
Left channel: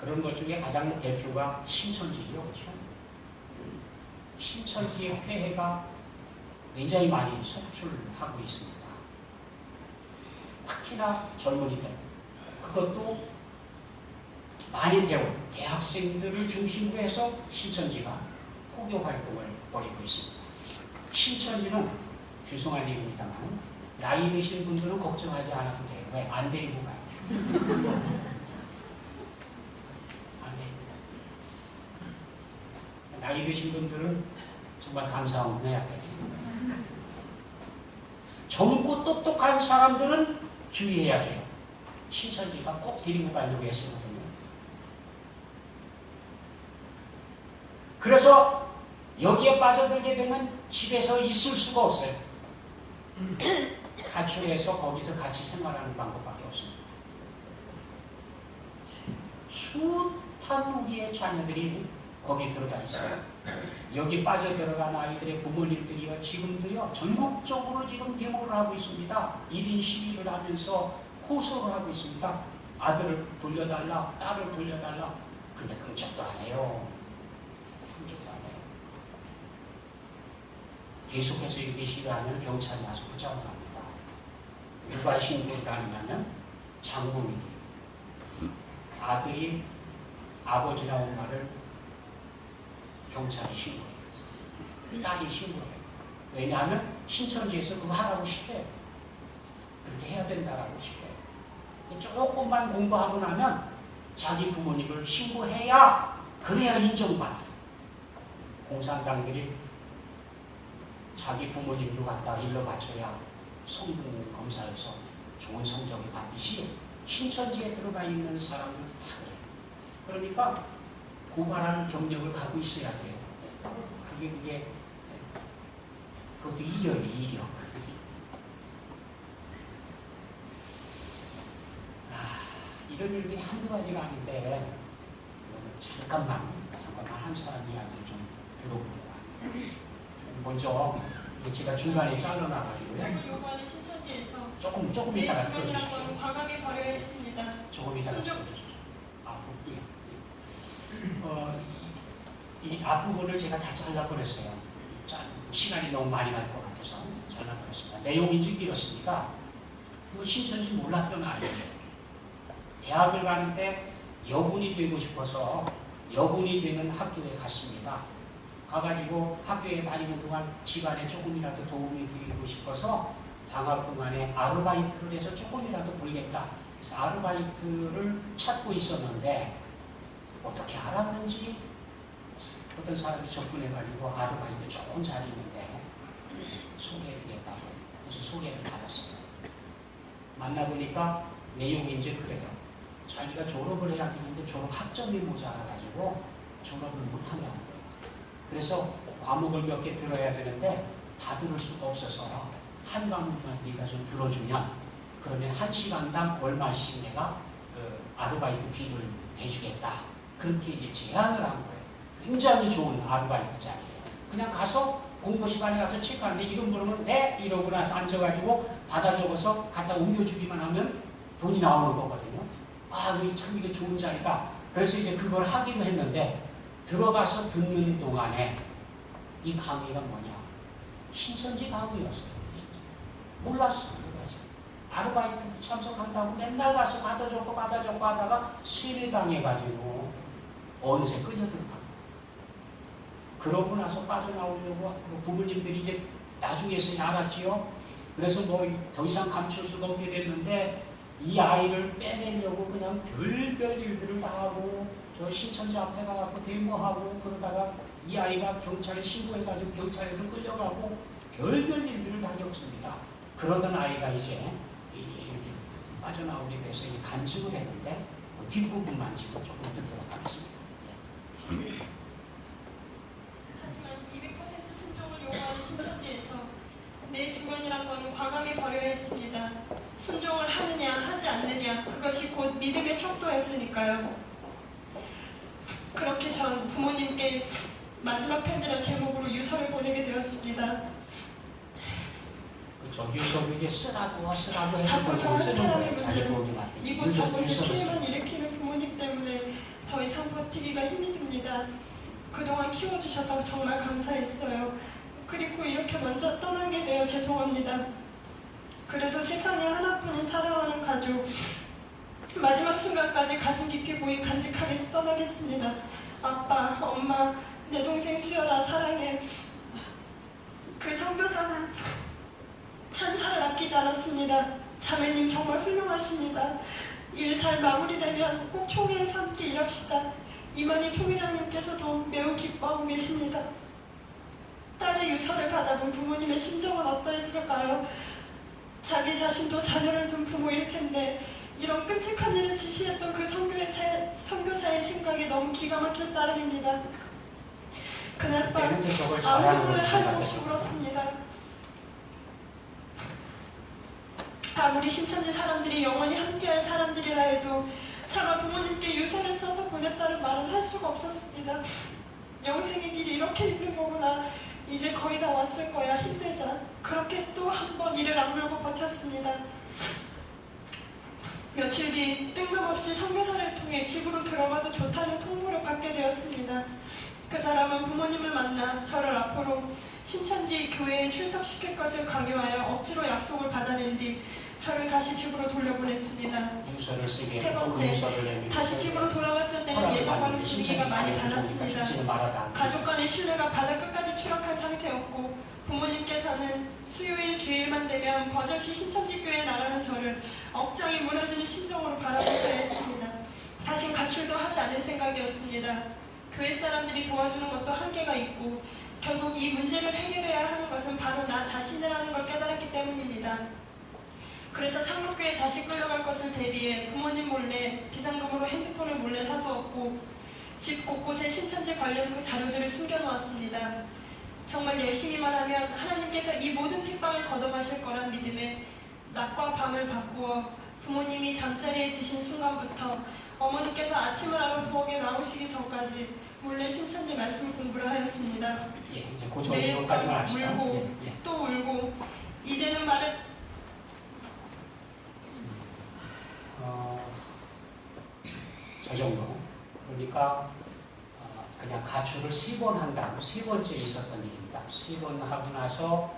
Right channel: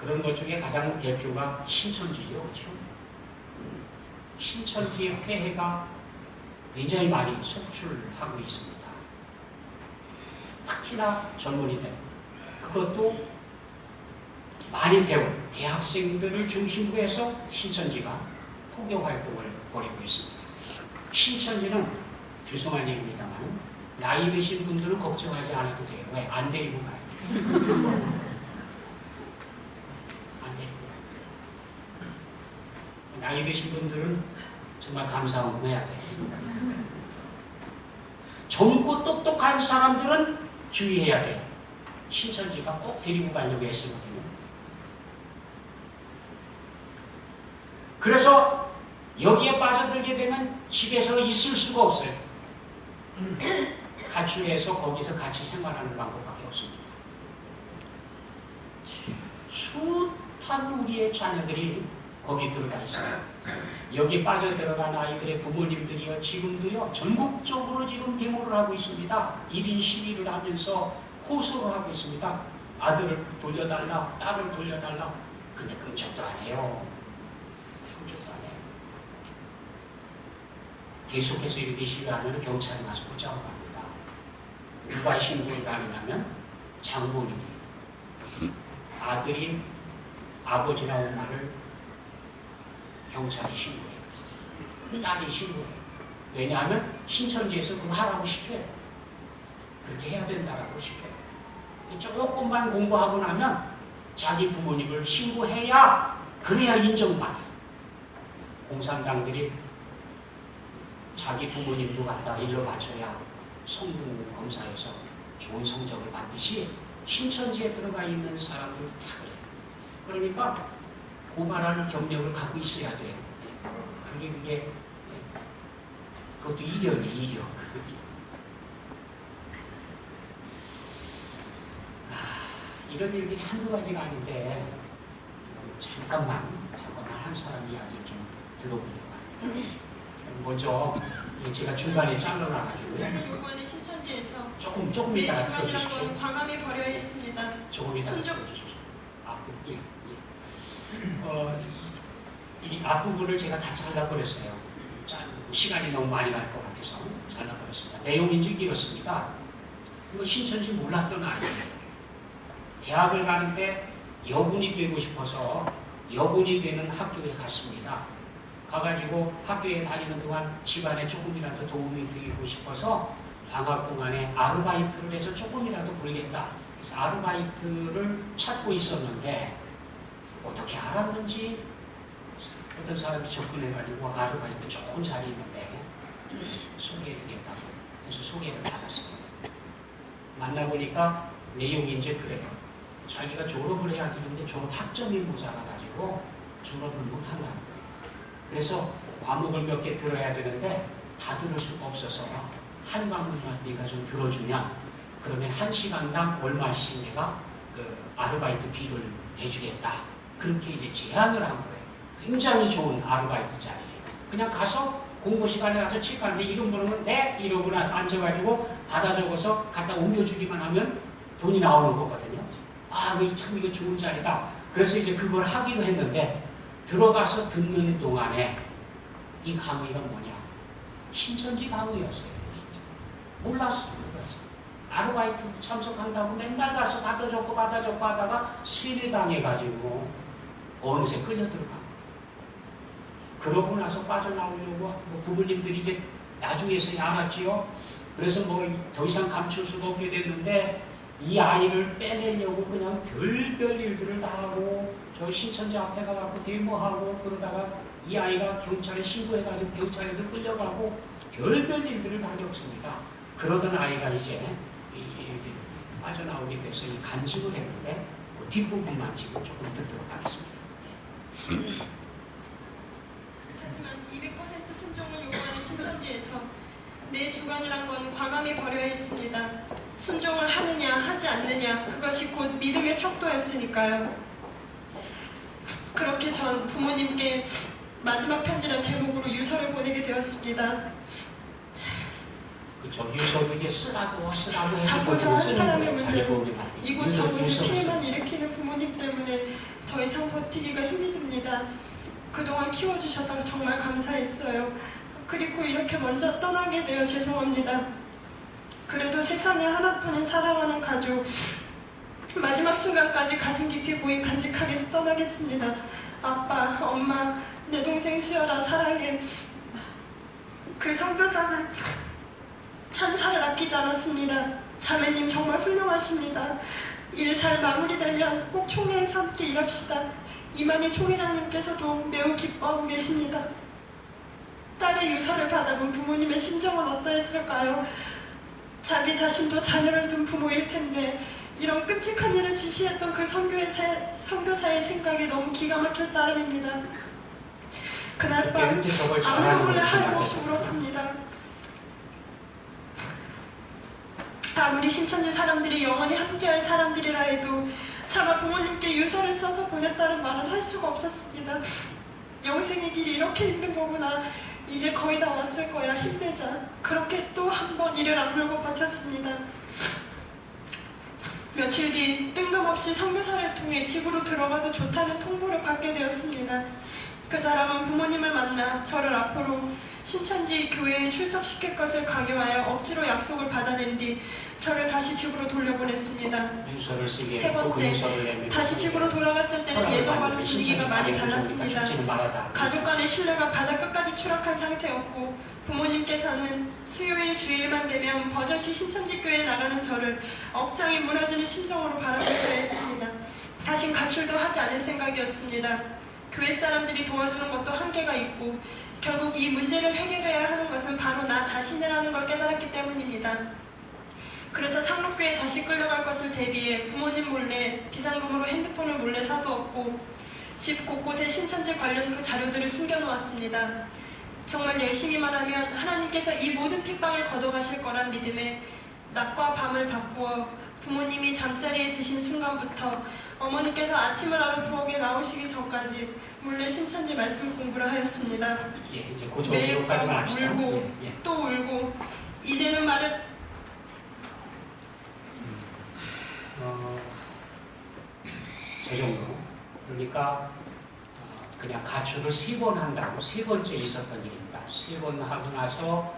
그런 것 중에 가장 대표가 신천지죠. 그렇죠? 신천지의 회해가 굉장히 많이 속출하고 있습니다. 특히나 젊은이들. 그것도 많이 배운 대학생들을 중심으로 해서 신천지가 포교 활동을 벌이고 있습니다. 신천지는 죄송한 얘기입니다만 나이 드신 분들은 걱정하지 않아도 돼요. 왜? 안 데리고 가요. 안 데리고 가요. 나이 드신 분들은 정말 감사하고 해야 돼요. 젊고 똑똑한 사람들은 주의해야 돼요. 신천지가 꼭 데리고 가려고 했거든요. 그래서 여기에 빠져들게 되면 집에서 있을 수가 없어요. 가출해서 거기서 같이 생활하는 방법밖에 없습니다. 숱한 우리의 자녀들이 거기 들어가 있어요. 여기 빠져들어간 아이들의 부모님들이요, 지금도요, 전국적으로 지금 데모를 하고 있습니다. 1인 시위를 하면서 호소를 하고 있습니다. 아들을 돌려달라, 딸을 돌려달라. 근데 끔찍도 안 해요. 계속해서 이렇게 시위하면 경찰이 와서 붙잡아갑니다. 누가 신고를 다니냐면 장모님. 아들이 아버지라는 말을 경찰이 신고해요. 딸이 신고해요. 왜냐하면 신천지에서 그거 하라고 시켜요. 그렇게 해야 된다라고 시켜요. 조금만 공부하고 나면 자기 부모님을 신고해야 그래야 인정받아요. 공산당들이 자기 부모님도 갖다 일러 바쳐야 성분 검사에서 좋은 성적을 받듯이 신천지에 들어가 있는 사람들 다 그래요. 그러니까 고발하는 경력을 갖고 있어야 돼요. 그게 그것도 이력이에요, 이력. 이런 일들이 한두 가지가 아닌데 잠깐만 한 사람 이야기를 좀 들어보려고 합니다. 먼저 제가 중간에 잘라나갔어요. 이번에 신천지에서 조금 이따가 주말이라고 광화문에 버려 있습니다. 조금 이따가 들어주십시오. 이 앞부분을 제가 다 잘라버렸어요. 시간이 너무 많이 갈 것 같아서 잘라버렸습니다. 내용이 이렇습니다. 신천지 몰랐던 아이예요. 대학을 가는데 여군이 되고 싶어서 여군이 되는 학교에 갔습니다. 가가지고 학교에 다니는 동안 집안에 조금이라도 도움이 되고 싶어서 방학 동안에 아르바이트를 해서 조금이라도 벌겠다. 그래서 아르바이트를 찾고 있었는데 어떻게 알았는지 어떤 사람이 접근해가지고 아르바이트 좋은 자리 있는데 소개해주겠다고 그래서 소개를 받았어요. 만나보니까 내용이 이제 그래요. 자기가 졸업을 해야 되는데 졸업 학점이 모자라가지고 졸업을 못한다는 거예요. 그래서 과목을 몇 개 들어야 되는데 다 들을 수가 없어서 한 과목만 네가 좀 들어주면 그러면 한 시간당 얼마씩 내가 아르바이트 비를 대주겠다. 그렇게 이제 제안을 한 거예요. 굉장히 좋은 아르바이트 자리예요. 그냥 가서 공부 시간에 가서 체크하는데 이름 부르면 네 이러고 나서 앉아가지고 받아 적어서 갖다 옮겨주기만 하면 돈이 나오는 거거든요. 아, 참 이게 좋은 자리다. 그래서 이제 그걸 하기로 했는데 들어가서 듣는 동안에 이 강의가 뭐냐? 신천지 강의였어요. 몰랐어요. 아르바이트 참석한다고 맨날 가서 받아 적고 하다가 세뇌당해가지고 어느새 끌려들어가. 그러고 나서 빠져나오려고 부모님들이 이제 나중에서야 알았지요. 그래서 뭐 더 이상 감출 수가 없게 됐는데 이 아이를 빼내려고 그냥 별별 일들을 다 하고 저 신천지 앞에 가갖고 데모하고 그러다가 이 아이가 경찰에 신고해가지고 경찰에도 끌려가고 별별 일들을 다 겪습니다. 그러던 아이가 이제 빠져나오게 돼서 간증을 했는데 그 뒷부분만 지금 조금 듣도록 하겠습니다. 하지만 200% 순종을 요구하는 신천지에서 내 주관이란 건 과감히 버려야 했습니다. 순종을 하느냐 하지 않느냐 그것이 곧 믿음의 척도였으니까요. 그렇게 전 부모님께 마지막 편지란 제목으로 유서를 보내게 되었습니다. 그렇죠. 유서도 이제 쓰라고 자꾸 저 한 사람의 문제, 이곳 유서, 저곳에 유서 피해만 일으키는 부모님 때문에 더 이상 버티기가 힘이 듭니다. 그동안 키워주셔서 정말 감사했어요. 그리고 이렇게 먼저 떠나게 되어 죄송합니다. 그래도 세상에 하나뿐인 사랑하는 가족, 마지막 순간까지 가슴 깊이 고이 간직하게 떠나겠습니다. 아빠, 엄마, 내 동생 수연아 사랑해. 그 선교사는 찬사를 아끼지 않았습니다. 자매님 정말 훌륭하십니다. 일 잘 마무리되면 꼭 총회에서 함께 일합시다. 이만희 총회장님께서도 매우 기뻐하고 계십니다. 딸의 유서를 받아본 부모님의 심정은 어떠했을까요? 자기 자신도 자녀를 둔 부모일 텐데 이런 끔찍한 일을 지시했던 그 선교사의 생각이 너무 기가 막힐 따름입니다. 그날 밤 아무도 몰래 하염없이 울었습니다. 아무리 신천지 사람들이 영원히 함께할 사람들이라 해도 차마 부모님께 유서를 써서 보냈다는 말은 할 수가 없었습니다. 영생의 길이 이렇게 힘든 거구나. 이제 거의 다 왔을 거야. 힘내자. 그렇게 또 한 번 이를 악물고 버텼습니다. 며칠 뒤 뜬금없이 선교사를 통해 집으로 들어가도 좋다는 통보를 받게 되었습니다. 그 사람은 부모님을 만나 저를 앞으로 신천지 교회에 출석시킬 것을 강요하여 억지로 약속을 받아낸 뒤 저를 다시 집으로 돌려보냈습니다. 세 번째, 다시 집으로 돌아갔을 때는 예전과는 분위기가 많이 달랐습니다. 가족 간의 신뢰가 바닥 끝까지 추락한 상태였고 부모님께서는 수요일 주일만 되면 버젓이 신천지교회에 나가는 저를 억장이 무너지는 심정으로 바라보셔야 했습니다. 다신 가출도 하지 않을 생각이었습니다. 교회 사람들이 도와주는 것도 한계가 있고 결국 이 문제를 해결해야 하는 것은 바로 나 자신이라는 걸 깨달았기 때문입니다. 그래서 상록교에 다시 끌려갈 것을 대비해 부모님 몰래 비상금으로 핸드폰을 몰래 사두었고 집 곳곳에 신천지 관련 그 자료들을 숨겨놓았습니다. 정말 열심히만 하면 하나님께서 이 모든 핍박을 걷어가실 거란 믿음에 낮과 밤을 바꾸어 부모님이 잠자리에 드신 순간부터 어머니께서 아침을 하러 부엌에 나오시기 전까지 몰래 신천지 말씀 공부를 하였습니다. 매일 울고 또 울고 이제는 말을 저 정도. 그러니까 그냥 가출을 3번 한다고 3번째 있었던 일입니다. 3번 하고 나서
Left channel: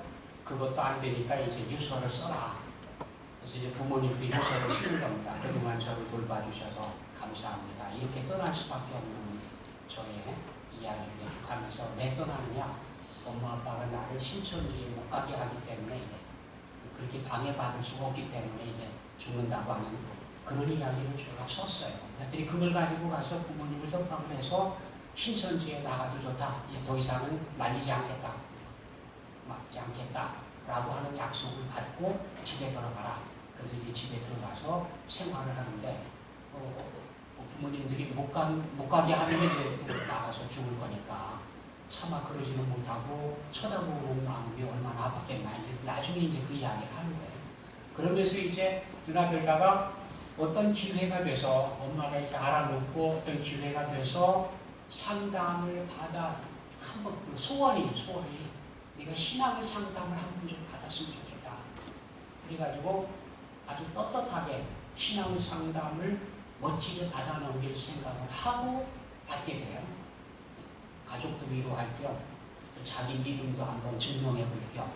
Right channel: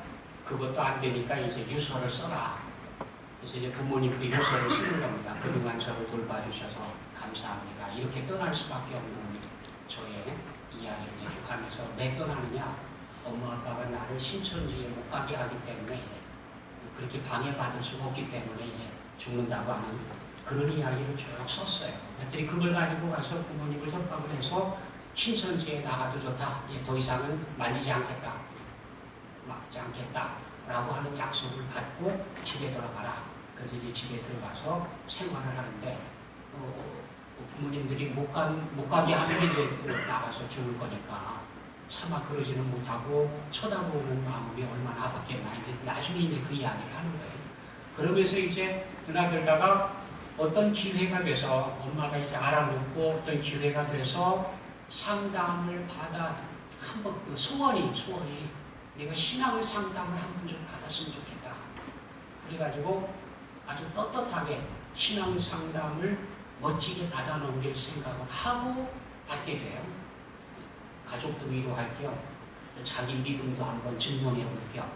그것도 안 되니까 이제 유서를 써라. 그래서 이제 부모님도 유서를 쓰는 겁니다. 그동안 저를 돌봐주셔서 감사합니다. 이렇게 떠날 수밖에 없는 저의 이야기를 계속하면서 왜 떠나느냐? 엄마 아빠가 나를 신천지에 못 가게 하기 때문에 이제 그렇게 방해받을 수가 없기 때문에 이제 죽는다고 하는 그런 이야기를 쭉 썼어요. 애들이 그걸 가지고 가서 부모님을 협박을 해서 신천지에 나가도 좋다. 이제 더 이상은 말리지 않겠다. 막지 않겠다. 라고 하는 약속을 받고 집에 들어가라. 그래서 이제 집에 들어가서 생활을 하는데 부모님들이 못 가게 하는데 이제 또 나가서 죽을 거니까 차마 그러지는 못하고 쳐다보는 마음이 얼마나 아팠겠나. 이제 나중에 이제 그 이야기를 하는 거예요. 그러면서 이제 누나들다가 어떤 기회가 돼서 엄마가 이제 알아놓고 어떤 기회가 돼서 상담을 받아 한번 그 소원이 내가 신앙을 상담을 한 번 좀 받았으면 좋겠다. 그래가지고 아주 떳떳하게 신앙 상담을 멋지게 받아 넘길 생각을 하고 받게 돼요. 가족도 위로할 겸 자기 믿음도 한번 증명해 볼 겸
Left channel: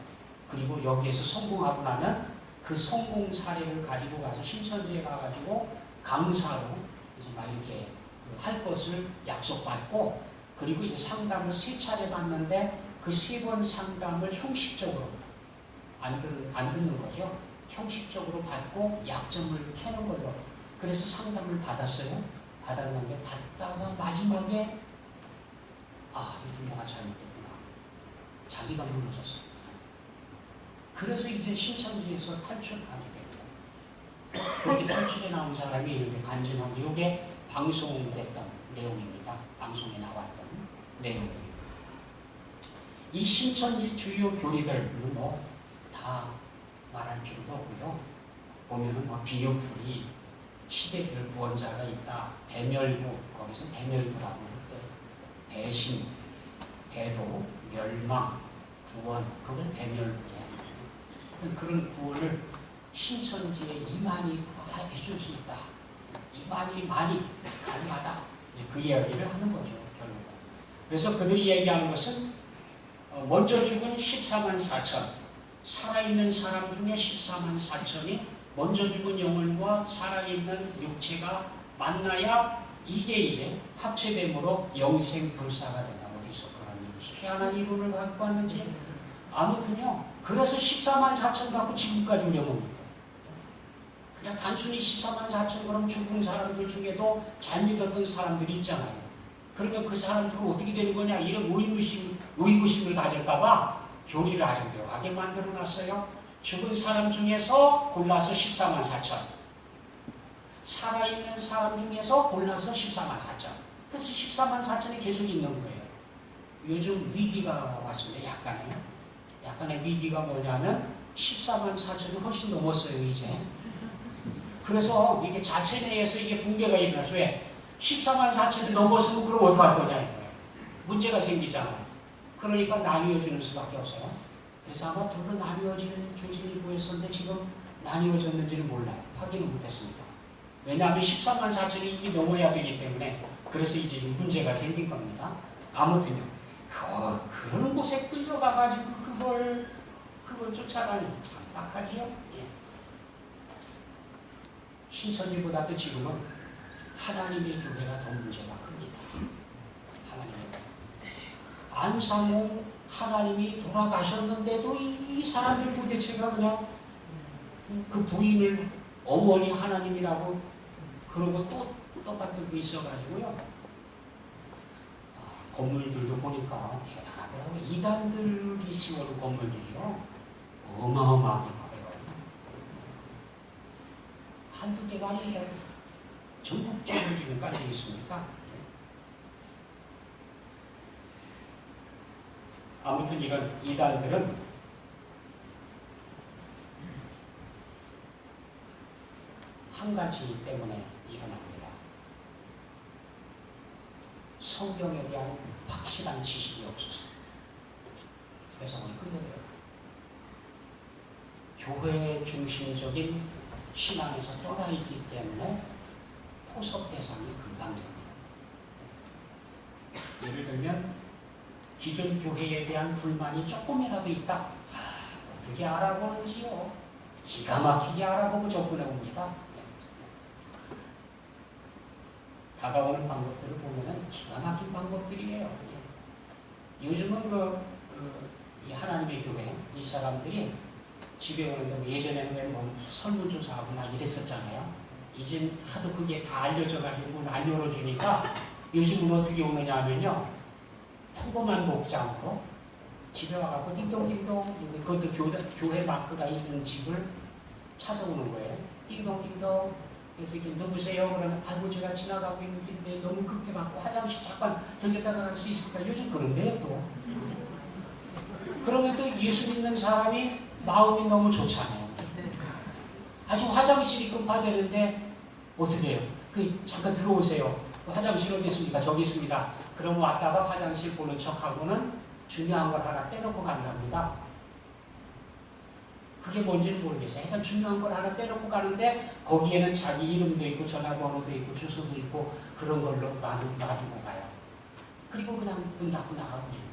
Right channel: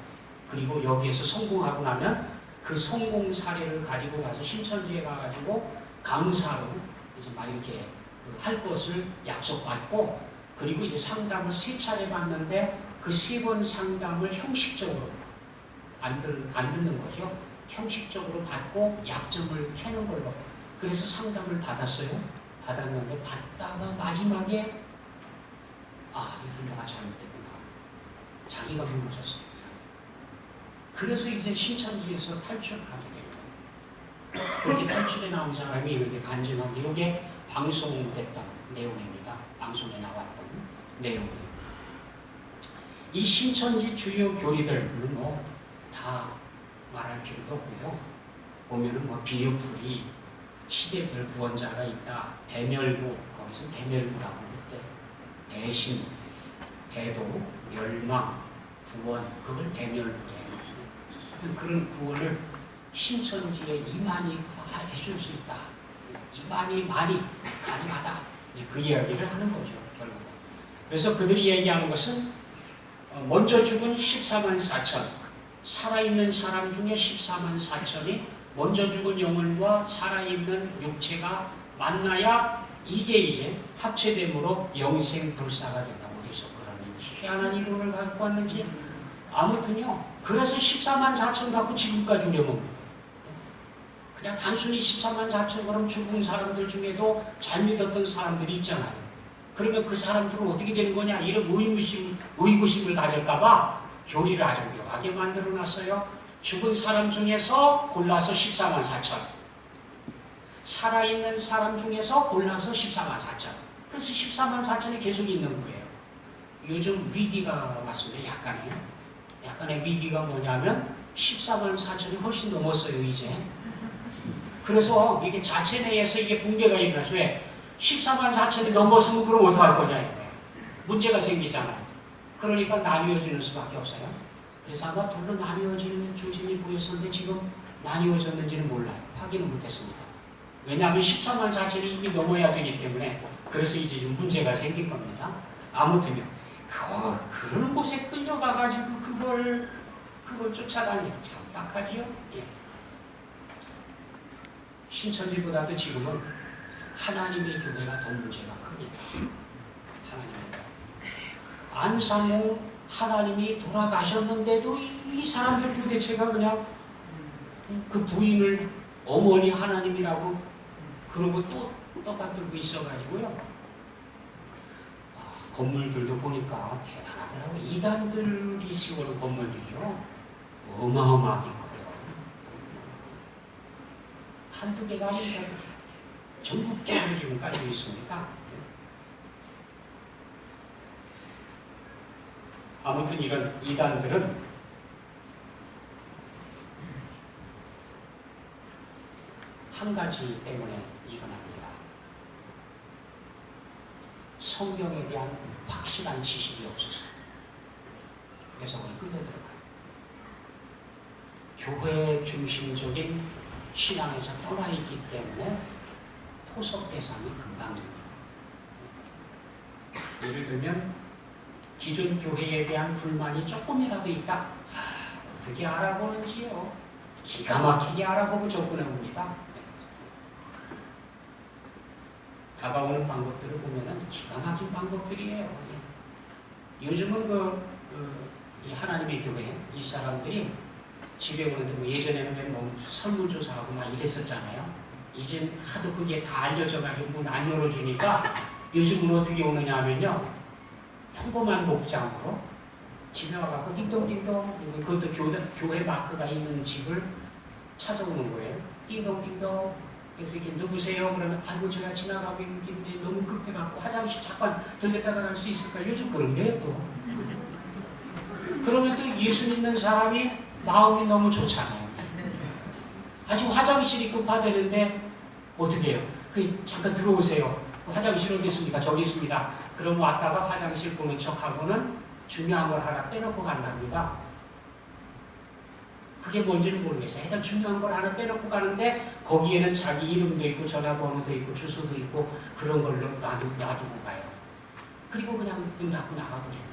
그리고 여기에서 성공하고 나면 그 성공 사례를 가지고 가서 신천지에 가가지고 강사로 이제 막 이렇게 할 것을 약속받고 그리고 이제 상담을 3차례 받는데 그 3번 상담을 형식적으로 안 듣는 거죠. 형식적으로 받고 약점을 캐는 걸로. 그래서 상담을 받았어요. 받았는데 받다가 마지막에 이건 내가 잘못했구나. 자기가 무너졌어요. 그래서 이제 신천지에서 탈출하게 됩니다. 그렇게 탈출에 나온 사람이 이렇게 간증하고 이게 방송을 했던 내용입니다. 방송에 나왔던 내용입니다. 이 신천지 주요 교리들은 다 말할 필요도 없고요. 보면은 비유풀이 시대별 구원자가 있다. 배멸구 거기서 배멸구라고 할 때 배신, 배도, 멸망, 구원 그걸 배멸구예요. 그런 구원을 신천지에 이만희 해줄 수 있다. 이만희 많이 가능하다. 그 이야기를 하는 거죠. 결국. 그래서 그들이 얘기하는 것은 먼저 죽은 14만 4천 살아있는 사람 중에 14만 4천이 먼저 죽은 영혼과 살아있는 육체가 만나야 이게 이제 합체됨으로 영생불사가 된다고 해서 그러는 희한한 이론을 갖고 왔는지 아무튼요. 그래서 14만 4천 갖고 지금까지 우려봅니다. 그냥 단순히 14만 4천 그럼 죽은 사람들 중에도 잘 믿었던 사람들이 있잖아요. 그러면 그 사람들은 어떻게 되는 거냐 이런 의구심을 가질까봐 교리를 아주 묘하게 만들어놨어요. 죽은 사람 중에서 골라서 14만 4천 살아있는 사람 중에서 골라서 14만 4천 그래서 14만 4천이 계속 있는 거예요. 요즘 위기가 왔습니다. 약간의 위기가 뭐냐면 14만 4천이 훨씬 넘었어요. 이제 그래서 이게 자체 내에서 이게 붕괴가 일어나서 왜 14만 4천이 넘었으면 그럼 어떡할 거냐 이거예요. 문제가 생기잖아요. 그러니까 나뉘어지는 수밖에 없어요. 그래서 아마 둘로 나뉘어지는 조짐이 보였었는데 지금 나뉘어졌는지는 몰라요. 확인은 못했습니다. 왜냐하면 14만 4천이 이미 넘어야 되기 때문에 그래서 이제 좀 문제가 생긴 겁니다. 아무튼요. 그런 곳에 끌려가가지고 그걸 쫓아다니는 참 딱하지요. 예. 신천지보다도 지금은 하나님의 교회가 더 문제가 큽니다. 하나님의 안상홍 하나님이 돌아가셨는데도 이 사람들 도대체가 그냥 그 부인을 어머니 하나님이라고 그러고 또 떠받들고 있어가지고요. 건물들도 보니까 대단하더라고요. 이단들이 세우는 건물들이요. 어마어마하게 커요. 한두 개가 아니라 전국적으로 지금 깔려 있습니다. 아무튼 이런 이단들은 한 가지 때문에 일어납니다. 성경에 대한 확실한 지식이 없어서. 그래서 거기 끌려들어가요. 교회 중심적인 신앙에서 떠나 있기 때문에 포섭 대상이 금방 됩니다. 예를 들면 기존 교회에 대한 불만이 조금이라도 있다. 어떻게 알아보는지요. 기가 막히게 알아보고 접근해 봅니다. 다가오는 방법들을 보면은 기가 막힌 방법들이에요. 요즘은 이 하나님의 교회 이 사람들이 집에 오는데 예전에는 뭐 설문조사하고 막 이랬었잖아요. 이제 하도 그게 다 알려져가지고 문 안 열어주니까 요즘은 어떻게 오느냐 하면요. 평범한 목장으로 집에 와갖고 띵동띵동 그것도 교회 마크가 있는 집을 찾아오는 거예요. 띵동띵동 그래서 이렇게 누구세요? 그러면 아이고 제가 지나가고 있는데 너무 급해갖고 화장실 잠깐 들렸다가 갈 수 있을까? 요즘 그런 게요 또. 그러면 또 예수 믿는 사람이 마음이 너무 좋잖아요. 아주 화장실이 급하다는데 어떻게 해요? 잠깐 들어오세요. 화장실 어디 있습니까? 저기 있습니다. 그럼 왔다가 화장실 보는 척하고는 중요한 걸 하나 빼놓고 간답니다. 그게 뭔지는 모르겠어요. 일단 중요한 걸 하나 빼놓고 가는데 거기에는 자기 이름도 있고 전화번호도 있고 주소도 있고 그런 걸로 놔두고 가요. 그리고 그냥 문 닫고 나가버려요.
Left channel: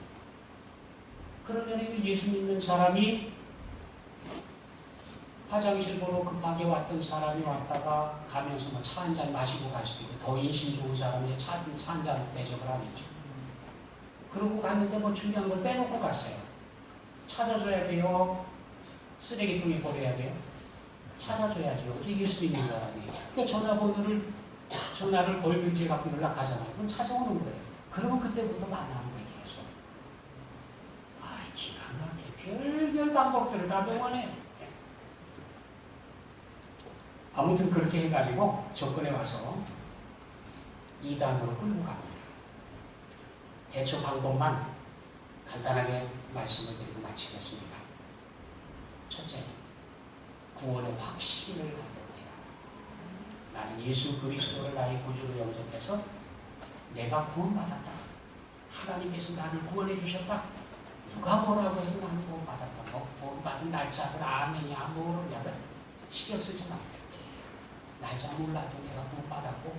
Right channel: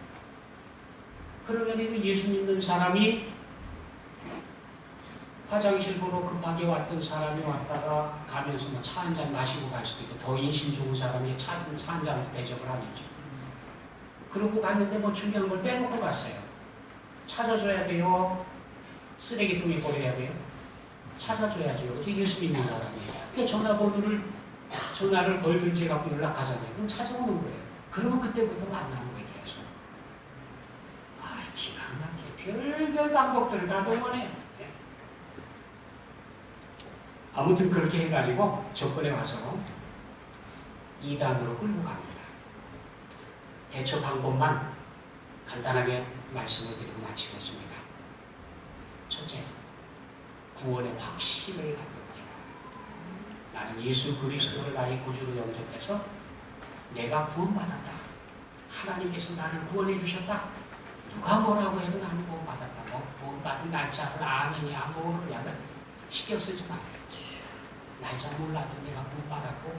그러면 예수 믿는 사람이 화장실 보러 급하게 왔던 사람이 왔다가 가면서 뭐 차 한 잔 마시고 갈 수도 있고 더 인심 좋은 사람이 차 한 잔 대접을 하겠죠. 그러고 갔는데 뭐 중요한 걸 빼놓고 갔어요. 찾아줘야 돼요. 쓰레기통에 버려야 돼요. 찾아줘야죠. 이게 예수 믿는 사람이에요. 그러니까 전화를 걸든지 갖고 연락하잖아요. 그럼 찾아오는 거예요. 그러면 그때부터 만나는 거예요. 계속. 기가 막히게 별별 방법들을 다 동원해요. 아무튼 그렇게 해가지고 조건에 와서 2단으로 끌고 갑니다. 대처 방법만 간단하게 말씀을 드리고 마치겠습니다. 첫째, 구원의 확신을 갖도록 해라. 나는 예수 그리스도를 나의 구주로 영접해서 내가 구원받았다. 하나님께서 나를 구원해 주셨다. 누가 뭐라고 해도 나는 구원받았다. 구원받은 날짜를 아느냐 모르냐 신경 쓰지 마. 날짜 몰라도 내가 구원받았고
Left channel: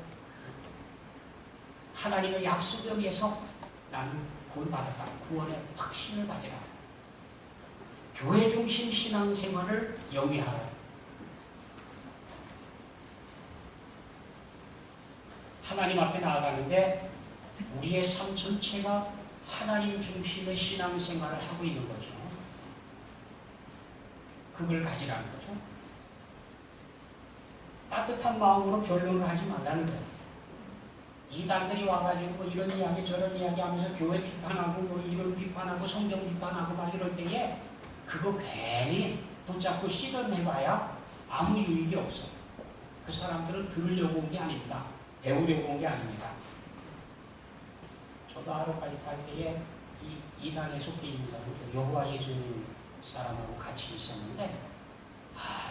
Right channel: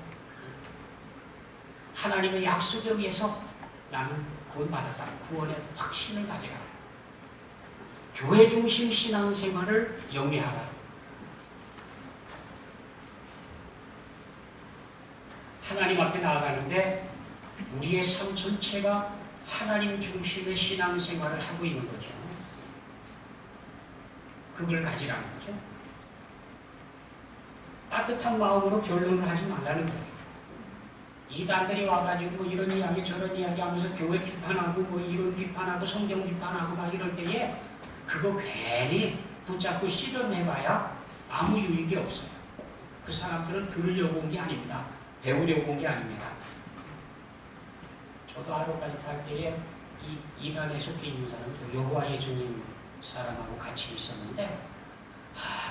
하나님의 약속에 의해서 나는 구원받았다. 구원의 확신을 가져라. 교회 중심 신앙생활을 영위하라. 하나님 앞에 나아가는데 우리의 삶 전체가 하나님 중심의 신앙생활을 하고 있는 거죠. 그걸 가지라는 거죠. 따뜻한 마음으로 변론을 하지 말라는 거예요. 이단들이 와가지고 이런 이야기 저런 이야기 하면서 교회 비판하고 뭐 이런 비판하고 성경 비판하고 막 이럴 때에 그거 괜히 붙잡고 씨름해봐야 아무 유익이 없어요. 그 사람들은 들으려고 온 게 아닙니다. 배우려고 온 게 아닙니다. 저도 하루까지 갈 때에 이단에 속해 있는 사람도 여호와의 주님 사람하고 같이 있었는데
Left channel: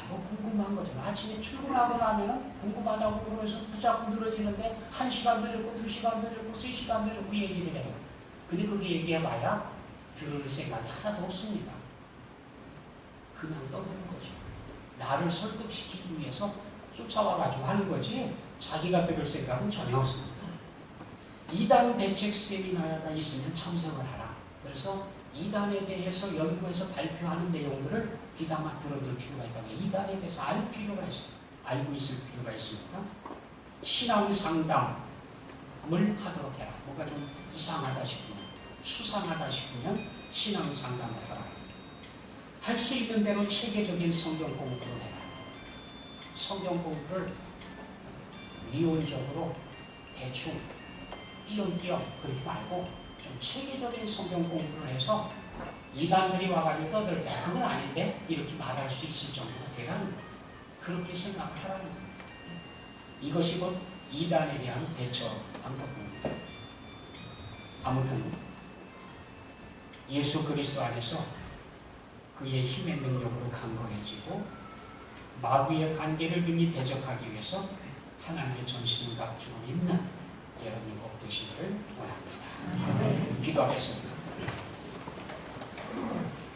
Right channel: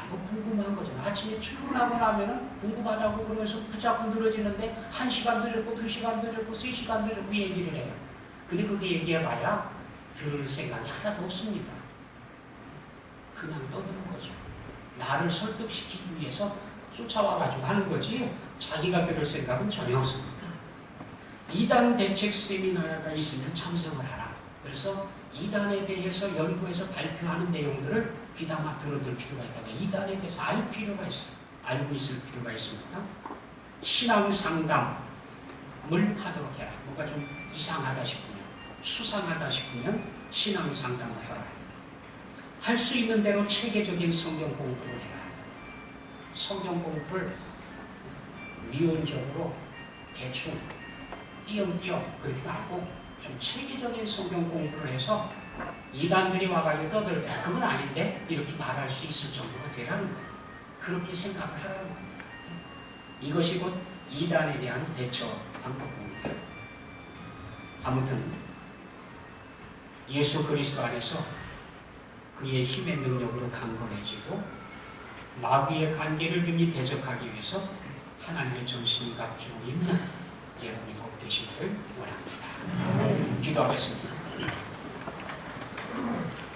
뭐 궁금한 거죠. 아침에 출근하고 나면은 궁금하다고 그러면서 붙잡고 늘어지는데 1시간 늦었고 2시간 늦었고 3시간 늦었고 얘기를 해요. 근데 그게 얘기해봐야 들을 생각이 하나도 없습니다. 그냥 떠드는 거죠. 나를 설득시키기 위해서 쫓아와가지고 하는 거지 자기가 들을 생각은 전혀 없습니다. 2단 대책 세미나가 있으면 참석을 하라. 그래서 2단에 대해서 연구해서 발표하는 내용들을 귀담아 들어줄 필요가 있다면 2단에 대해서 알 필요가 있어요. 알고 있을 필요가 있습니다. 신앙 상담을 하도록 해라. 뭔가 좀 이상하다 싶으면 수상하다 싶으면 신앙 상담을 해라. 할 수 있는 대로 체계적인 성경 공부를 해라. 성경 공부를 미온적으로 대충 띄엄띄엄 그렇게 말고 좀 체계적인 성경 공부를 해서 이단들이 와가지고 떠들 때 그건 아닌데 이렇게 말할 수 있을 정도가 되라는 거예요. 그렇게 생각을 하라는 거예요. 이것이 곧 이단에 대한 대처 방법입니다. 아무튼 예수 그리스도 안에서 그의 힘의 능력으로 강건해지고 마귀의 관계를 능히 대적하기 위해서 하나님의 전신을 갖추고 있는 여러분이 꼭 되시기를 원합니다. 기도하겠습니다.